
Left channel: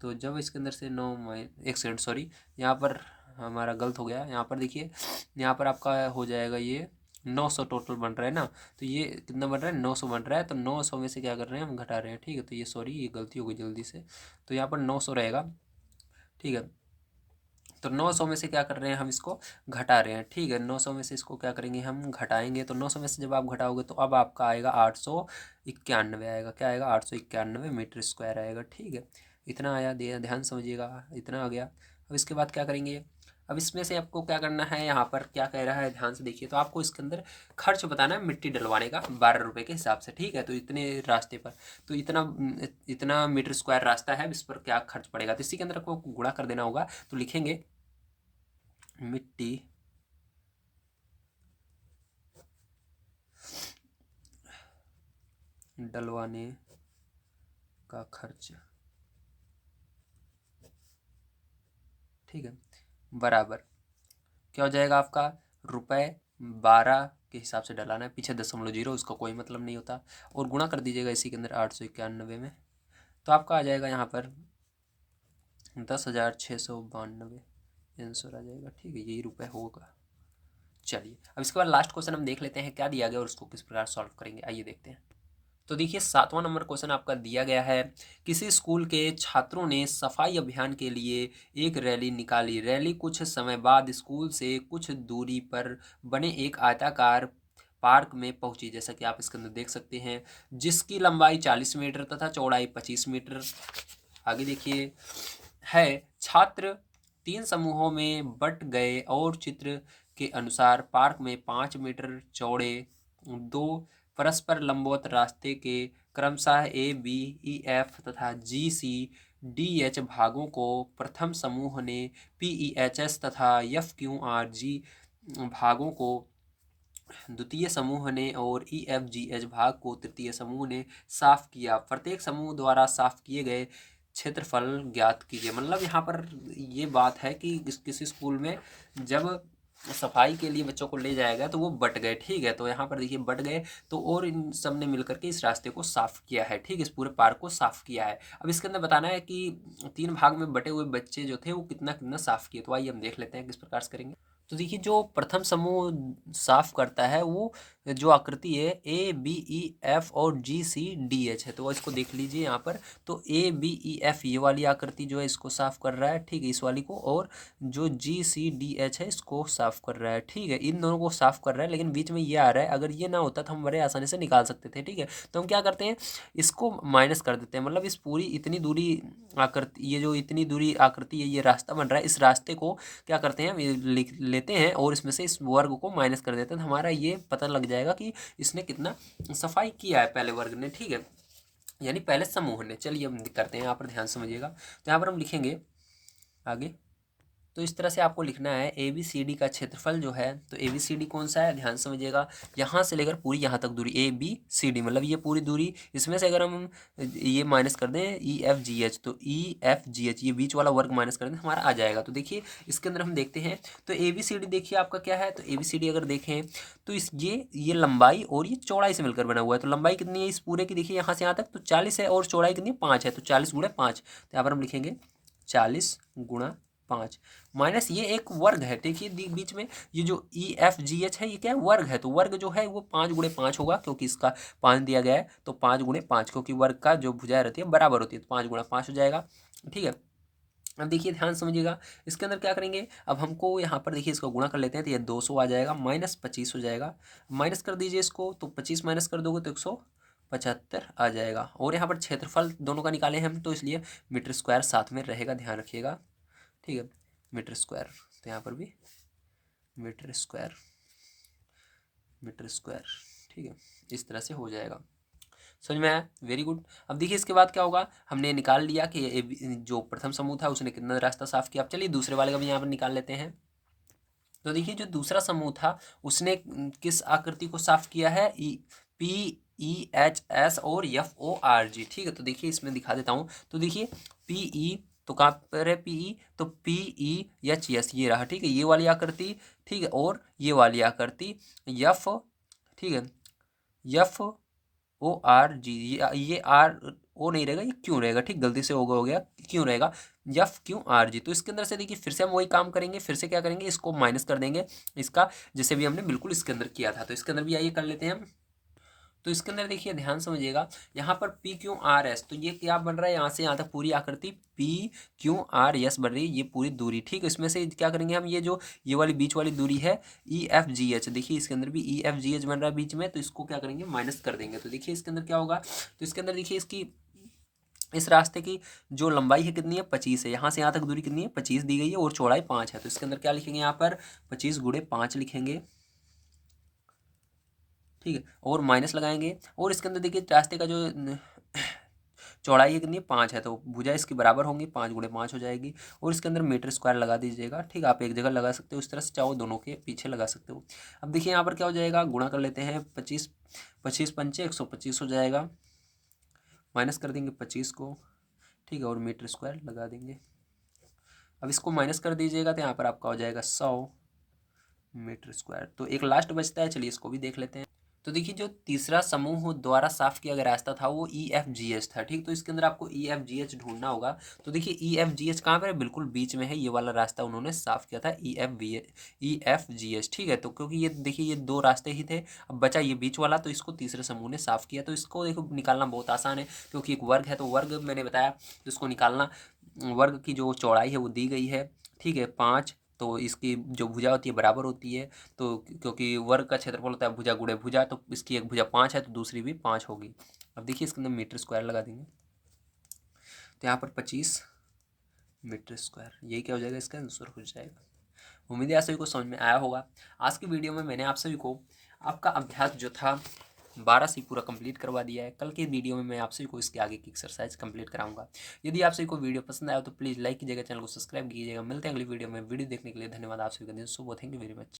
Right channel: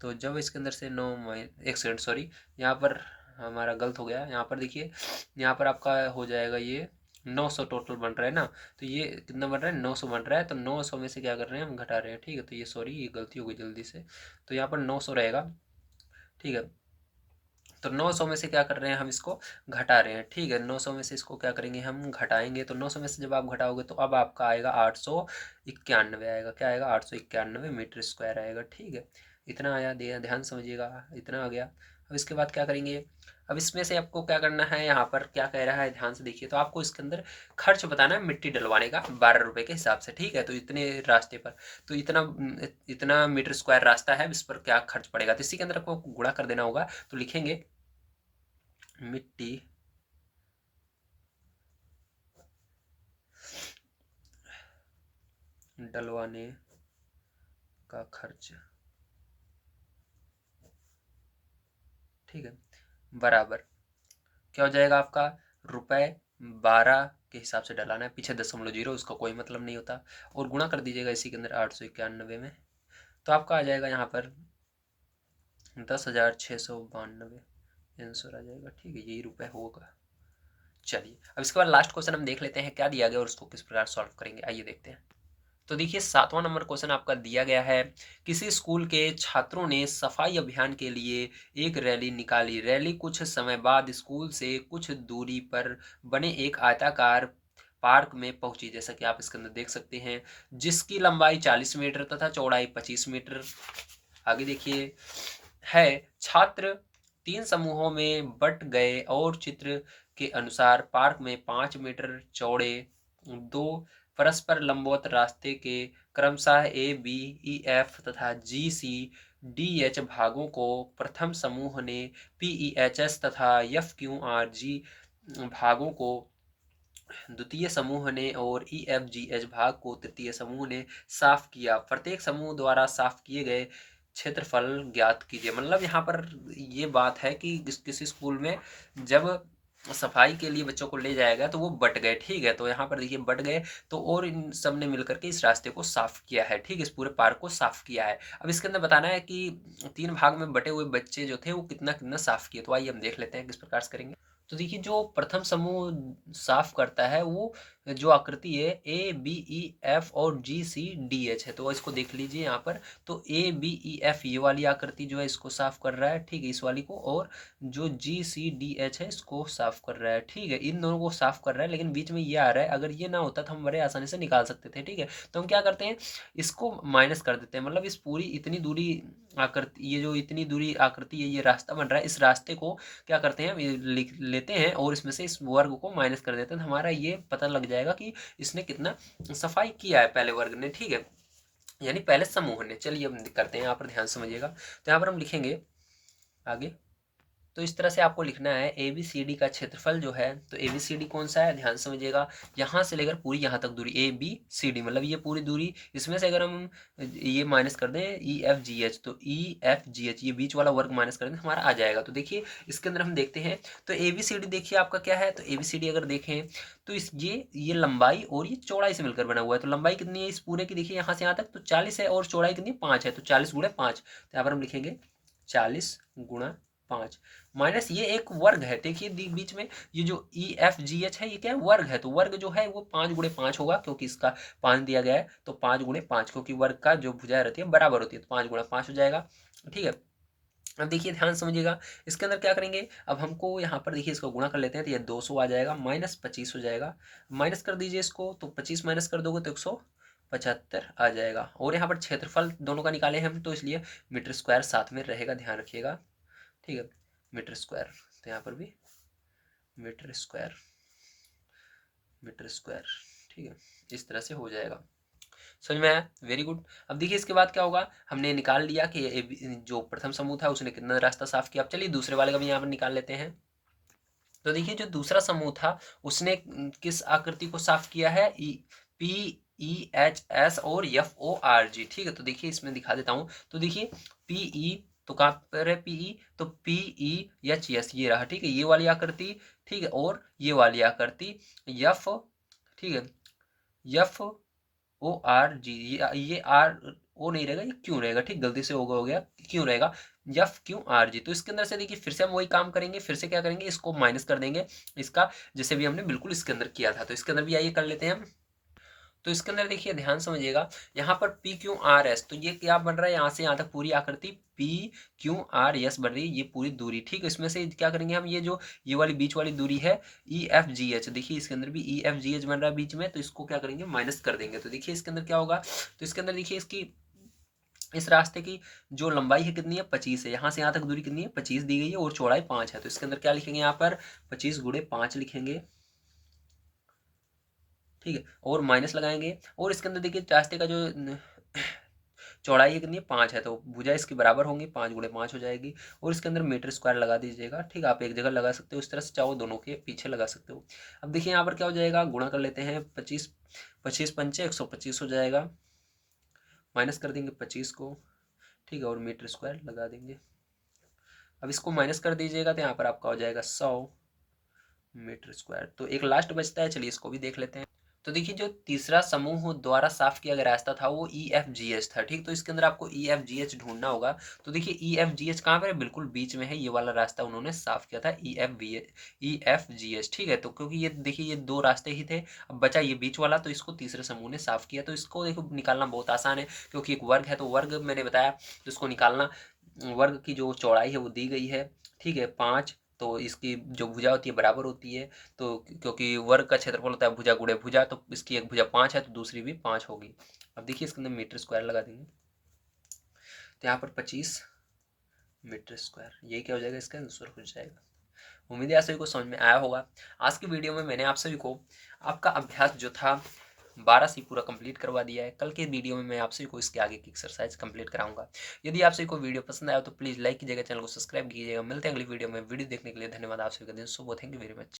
तो जब इसके अंदर से 9 एक सेकंड सॉरी, यहाँ पर हमारा गलत हो गया। यहाँ पर देखिए, यहाँ पर आपका हो जाएगा ये 900 टोटल बन रहा है ना। तो ये कितना बन रहा है, 900 बन रहा है। तो 900 में से क्या कर रहे हैं, हम घटा रहे हैं, ठीक है। तो ये सॉरी, ये गलती हो गई जल्दी से। तो यहाँ पर 900 रहेगा, ठीक है। तो 900 में से क्या कर रहे हैं, हम इसको घटा रहे हैं, ठीक है। 900 में से इसको क्या करेंगे, हम घटाएंगे। तो 900 में से जब आप घटाओगे तो अब आपका आएगा 891 आएगा, क्या आएगा, 891 मीटर स्क्वायर आएगा, ठीक है। इतना आया, ध्यान समझिएगा, इतना आ गया। अब इसके बाद क्या करेंगे, अब इसमें से आपको क्या करना है, यहाँ पर क्या कह रहा है ध्यान से देखिए। तो आपको इसके अंदर खर्च बताना है मिट्टी डलवाने का 12 रुपये के हिसाब से, ठीक है। तो इतने रास्ते पर, तो इतना इतना मीटर स्क्वायर रास्ता है, इस पर क्या खर्च पड़ेगा। तो इसी के अंदर आपको गुणा कर देना होगा। तो लिखेंगे मिट्टी डलवाने का खर्च, ठीक है, बराबर क्या हो जाएगा आपका, ₹12 के हिसाब से डलाना है, पीछे 0.0 उसका कोई मतलब नहीं होता, और गुणा कर दीजिएगा इसी के अंदर 891 में। तो आपका आ जाएगा यहाँ पर 10,692 आंसर आ जाएगा, ठीक है, यही रुपए होगा। चलिए अब इसके बाद लास्ट क्वेश्चन हम देख लेते हैं क्या दिया गया और उसको किस प्रकार सॉल्व करेंगे, आइए देखते हैं। तो देखिए 7वां नंबर क्वेश्चन आपका दिया गया है, किसी स्कूल के छात्रों ने सफाई अभियान के लिए एक रैली निकाली। रैली कुछ समय बाद स्कूल से कुछ दूरी पर बने एक आयताकार पार्क में पहुंची, जैसा कि आप इसके अंदर देख सकते हैं, जिसकी लंबाई 40 मीटर तथा चौड़ाई 25 मीटर। आगे देखिए है, छात्र 3 समूहों में बट गए और चित्र के अनुसार पार्क में 5 मीटर चौड़े 2 परस्पर लंबवत रास्ते के क्रमशः ए बी ई एफ तथा जी सी डी एच भागों को प्रथम समूह ने पी ई एच एस तथा एफ क्यू आर जी भागों को द्वितीय समूह ने और ई एफ जी एच भाग को तृतीय समूह ने साफ किया। प्रत्येक समूह द्वारा साफ किए गए क्षेत्रफल ज्ञात कीजिए। मतलब यहाँ पर ये बात है कि किसी स्कूल में जब सफाई के लिए बच्चों को ले जाएगा तो वो बट गए, ठीक है। तो यहाँ पर देखिए बट गए, तो और इन सब ने मिलकर के इस रास्ते को साफ किया है, ठीक है, इस पूरे पार्क को साफ किया है। अब इसके अंदर बताना है कि 3 भाग में बटे हुए बच्चे जो थे वो कितना कितना साफ किए। तो आइए हम देख लेते हैं किस प्रकार से करेंगे। तो देखिए जो प्रथम समूह साफ करता है वो जो आकृति है ए बी ई एफ और जी सी डी एच है, तो इसको देख लीजिए यहाँ पर। तो ए बी ई एफ ये वाली आकृति जो है इसको साफ कर रहा है, ठीक है, इस वाली को, और जो जी सी डी एच है इसको साफ कर रहा है, ठीक है, इन दोनों को साफ कर रहा है। लेकिन बीच में ये आ रहा है, अगर ये ना होता तो हम बड़े आसानी से निकाल सकते थे, ठीक है। तो हम क्या करते हैं, इसको माइनस कर देते हैं। मतलब इस पूरी इतनी दूरी आकृति, ये जो इतनी दूरी आकृति है, ये रास्ता बन रहा है, इस रास्ते को क्या करते हैं, हम लिख लेते हैं और इसमें से इस वर्ग को माइनस कर देते हैं। तो हमारा ये पता लग जाएगा कि इसने कितना सफाई किया है पहले वर्ग ने, ठीक है, यानी पहले समूह ने। चलिए हम करते हैं, यहाँ पर ध्यान समझिएगा। तो यहाँ पर हम लिखेंगे आगे तो इस तरह से आपको लिखना है ए बी सी डी का क्षेत्रफल जो है, तो ए बी सी डी कौन सा है, ध्यान समझिएगा, यहाँ से लेकर पूरी यहाँ तक दूरी ए बी सी डी, मतलब ये पूरी दूरी, इसमें से अगर हम ये माइनस कर दें ई एफ जी एच, तो ई एफ जी एच ये बीच वाला वर्ग माइनस कर दें हमारा आ जाएगा। तो देखिए इसके अंदर हम देखते हैं, तो ए बी सी डी देखिए आपका क्या है, तो ए बी सी डी अगर देखें तो इस ये लंबाई और ये चौड़ाई से मिलकर बना हुआ है। तो लंबाई कितनी है इस पूरे की, देखिए यहाँ से यहाँ तक तो 40 है, और चौड़ाई कितनी है 5 है, तो 40 गुणा 5, तो यहाँ पर हम लिखेंगे 40 गुणा 5 माइनस ये एक वर्ग है, देखिए बीच में ये जो ई एफ जी एच है ये क्या है, वर्ग है, तो वर्ग जो है वो 5 गुणे 5 होगा, क्योंकि इसका 5 दिया गया है, तो 5 गुणे 5, क्योंकि वर्ग का जो भुजा रहती है बराबर होती है, तो 5 गुणा 5 हो जाएगा। ठीक है, अब देखिए ध्यान समझिएगा, इसके अंदर क्या करेंगे, अब हमको यहाँ पर देखिए इसको गुणा कर लेते हैं, तो ये 200 आ जाएगा, माइनस 25 हो जाएगा, माइनस कर दीजिए इसको, तो 25 माइनस कर दोगे तो 175 आ जाएगा। और यहाँ पर क्षेत्रफल दोनों का निकाले हम, तो इसलिए मीटर स्क्वायर साथ में रहेगा, ध्यान रखिएगा। ठीक है, मीटर स्क्वायर, तो यहाँ पर भी मीटर स्क्वायर, मीटर स्क्वायर, ठीक है, इस तरह से हो जाएगा। समझ में आया, वेरी गुड। अब देखिए इसके बाद क्या होगा, हमने निकाल लिया कि जो प्रथम समूह था उसने कितना रास्ता साफ किया। अब चलिए दूसरे वाले का भी यहाँ पर निकाल लेते हैं। तो देखिए जो दूसरा समूह था उसने किस आकृति को साफ किया है, E P E H S और एफ ओ आर जी। ठीक है, तो देखिए इसमें दिखा देता हूँ, तो देखिए पी ई, तो कहाँ पर है पी ई, तो पी ई एच एस ये रहा, ठीक है, ये वाली आकृति, ठीक है, और ये वाली आकृति एफ, ठीक है, एफ ओ आर जी, ये आर ओ नहीं रहेगा, ये क्यों रहेगा, ठीक, गलती से हो गया क्यों रहेगा, एफ क्यू आर जी। तो इसके अंदर से देखिए फिर से हम वही काम करेंगे, फिर से क्या करेंगे, इसको माइनस कर देंगे इसका, जैसे भी हमने बिल्कुल इसके अंदर किया था, तो इसके अंदर भी आइए कर लेते हैं हम। तो इसके अंदर देखिए ध्यान समझिएगा, यहाँ पर पी क्यू आर एस, तो ये क्या बन रहा है, यहाँ से यहाँ तक पूरी आकृति पी क्यू आर एस बन रही है, ये पूरी दूरी। ठीक है, इसमें से क्या करेंगे हम, ये जो ये वाली बीच वाली दूरी है ई एफ जी एच, देखिए इसके अंदर भी ई एफ जी एच बन रहा है बीच में, तो इसको क्या करेंगे माइनस कर देंगे। तो देखिए इसके अंदर क्या होगा, तो इसके अंदर देखिए इसकी इस रास्ते की जो लंबाई है कितनी है 25 है, यहाँ से यहाँ तक दूरी कितनी है 25 दी गई है, और चौड़ाई 5 है, तो इसके अंदर क्या लिखेंगे, यहाँ पर 25 गुणे 5 लिखेंगे। ठीक है, और माइनस लगाएंगे, और इसके अंदर देखिए रास्ते का जो चौड़ाई है कितनी है 5 है, तो भुजा इसकी बराबर होंगी, 5 गुणे 5 हो जाएगी, और इसके अंदर मीटर स्क्वायर लगा दीजिएगा। ठीक है, आप एक जगह लगा सकते हो, इस तरह से चाहो दोनों के पीछे लगा सकते हो। अब देखिए यहाँ पर क्या हो जाएगा, गुणा कर लेते हैं, 25 25 पंचे 125 हो जाएगा, माइनस कर देंगे 25 को, ठीक है, और मीटर स्क्वायर लगा देंगे। अब इसको माइनस कर दीजिएगा, तो यहाँ पर आपका हो जाएगा 100 मीटर स्क्वायर। तो एक लास्ट बचता है, चलिए इसको भी देख लेते हैं। तो देखिए जो तीसरा समूह द्वारा साफ किया गया रास्ता था वो ई एफ जी एच था। ठीक, तो इसके अंदर आपको ई एफ जी एच ढूंढना होगा। तो देखिए ई एफ जी एच कहाँ पर है, बिल्कुल बीच में है, ये वाला रास्ता उन्होंने साफ किया था ई एफ जी एच। ठीक है, तो क्योंकि ये देखिए ये दो रास्ते ही थे, अब बचा ये बीच वाला, तो इसको तीसरे समूह ने साफ किया। तो इसको देखो निकालना बहुत आसान है, क्योंकि एक वर्ग है, तो वर्ग मैंने बताया, तो इसको निकालना, वर्ग की जो चौड़ाई है वो दी गई है, ठीक है 5, तो इसकी जो भुजा होती है बराबर होती है, तो क्योंकि वर्ग का क्षेत्रफल होता है भुजा गुणे भुजा, तो इसकी एक भुजा 5 है तो दूसरी भी 5 होगी। अब देखिए इसके अंदर मीटर स्क्वायर लगा देंगे, तो यहाँ पर 25 मीटर स्क्वायर, यही क्या हो जाएगा, इसका आंसर हो जाएगा। उम्मीद है आप सभी को समझ में आया होगा। आज की वीडियो में मैंने आप सभी को आपका अभ्यास जो था 12 से पूरा कंप्लीट करवा दिया है। कल के वीडियो में मैं आप सभी को इसके आगे की एक्सरसाइज कंप्लीट कराऊंगा। यदि आप सभी को वीडियो पसंद आया तो प्लीज़ लाइक कीजिएगा, चैनल को सब्सक्राइब कीजिएगा। मिलते हैं अगली वीडियो में। वीडियो देखने के लिए धन्यवाद आप सभी का दिन शुभ हो। Thank you very much.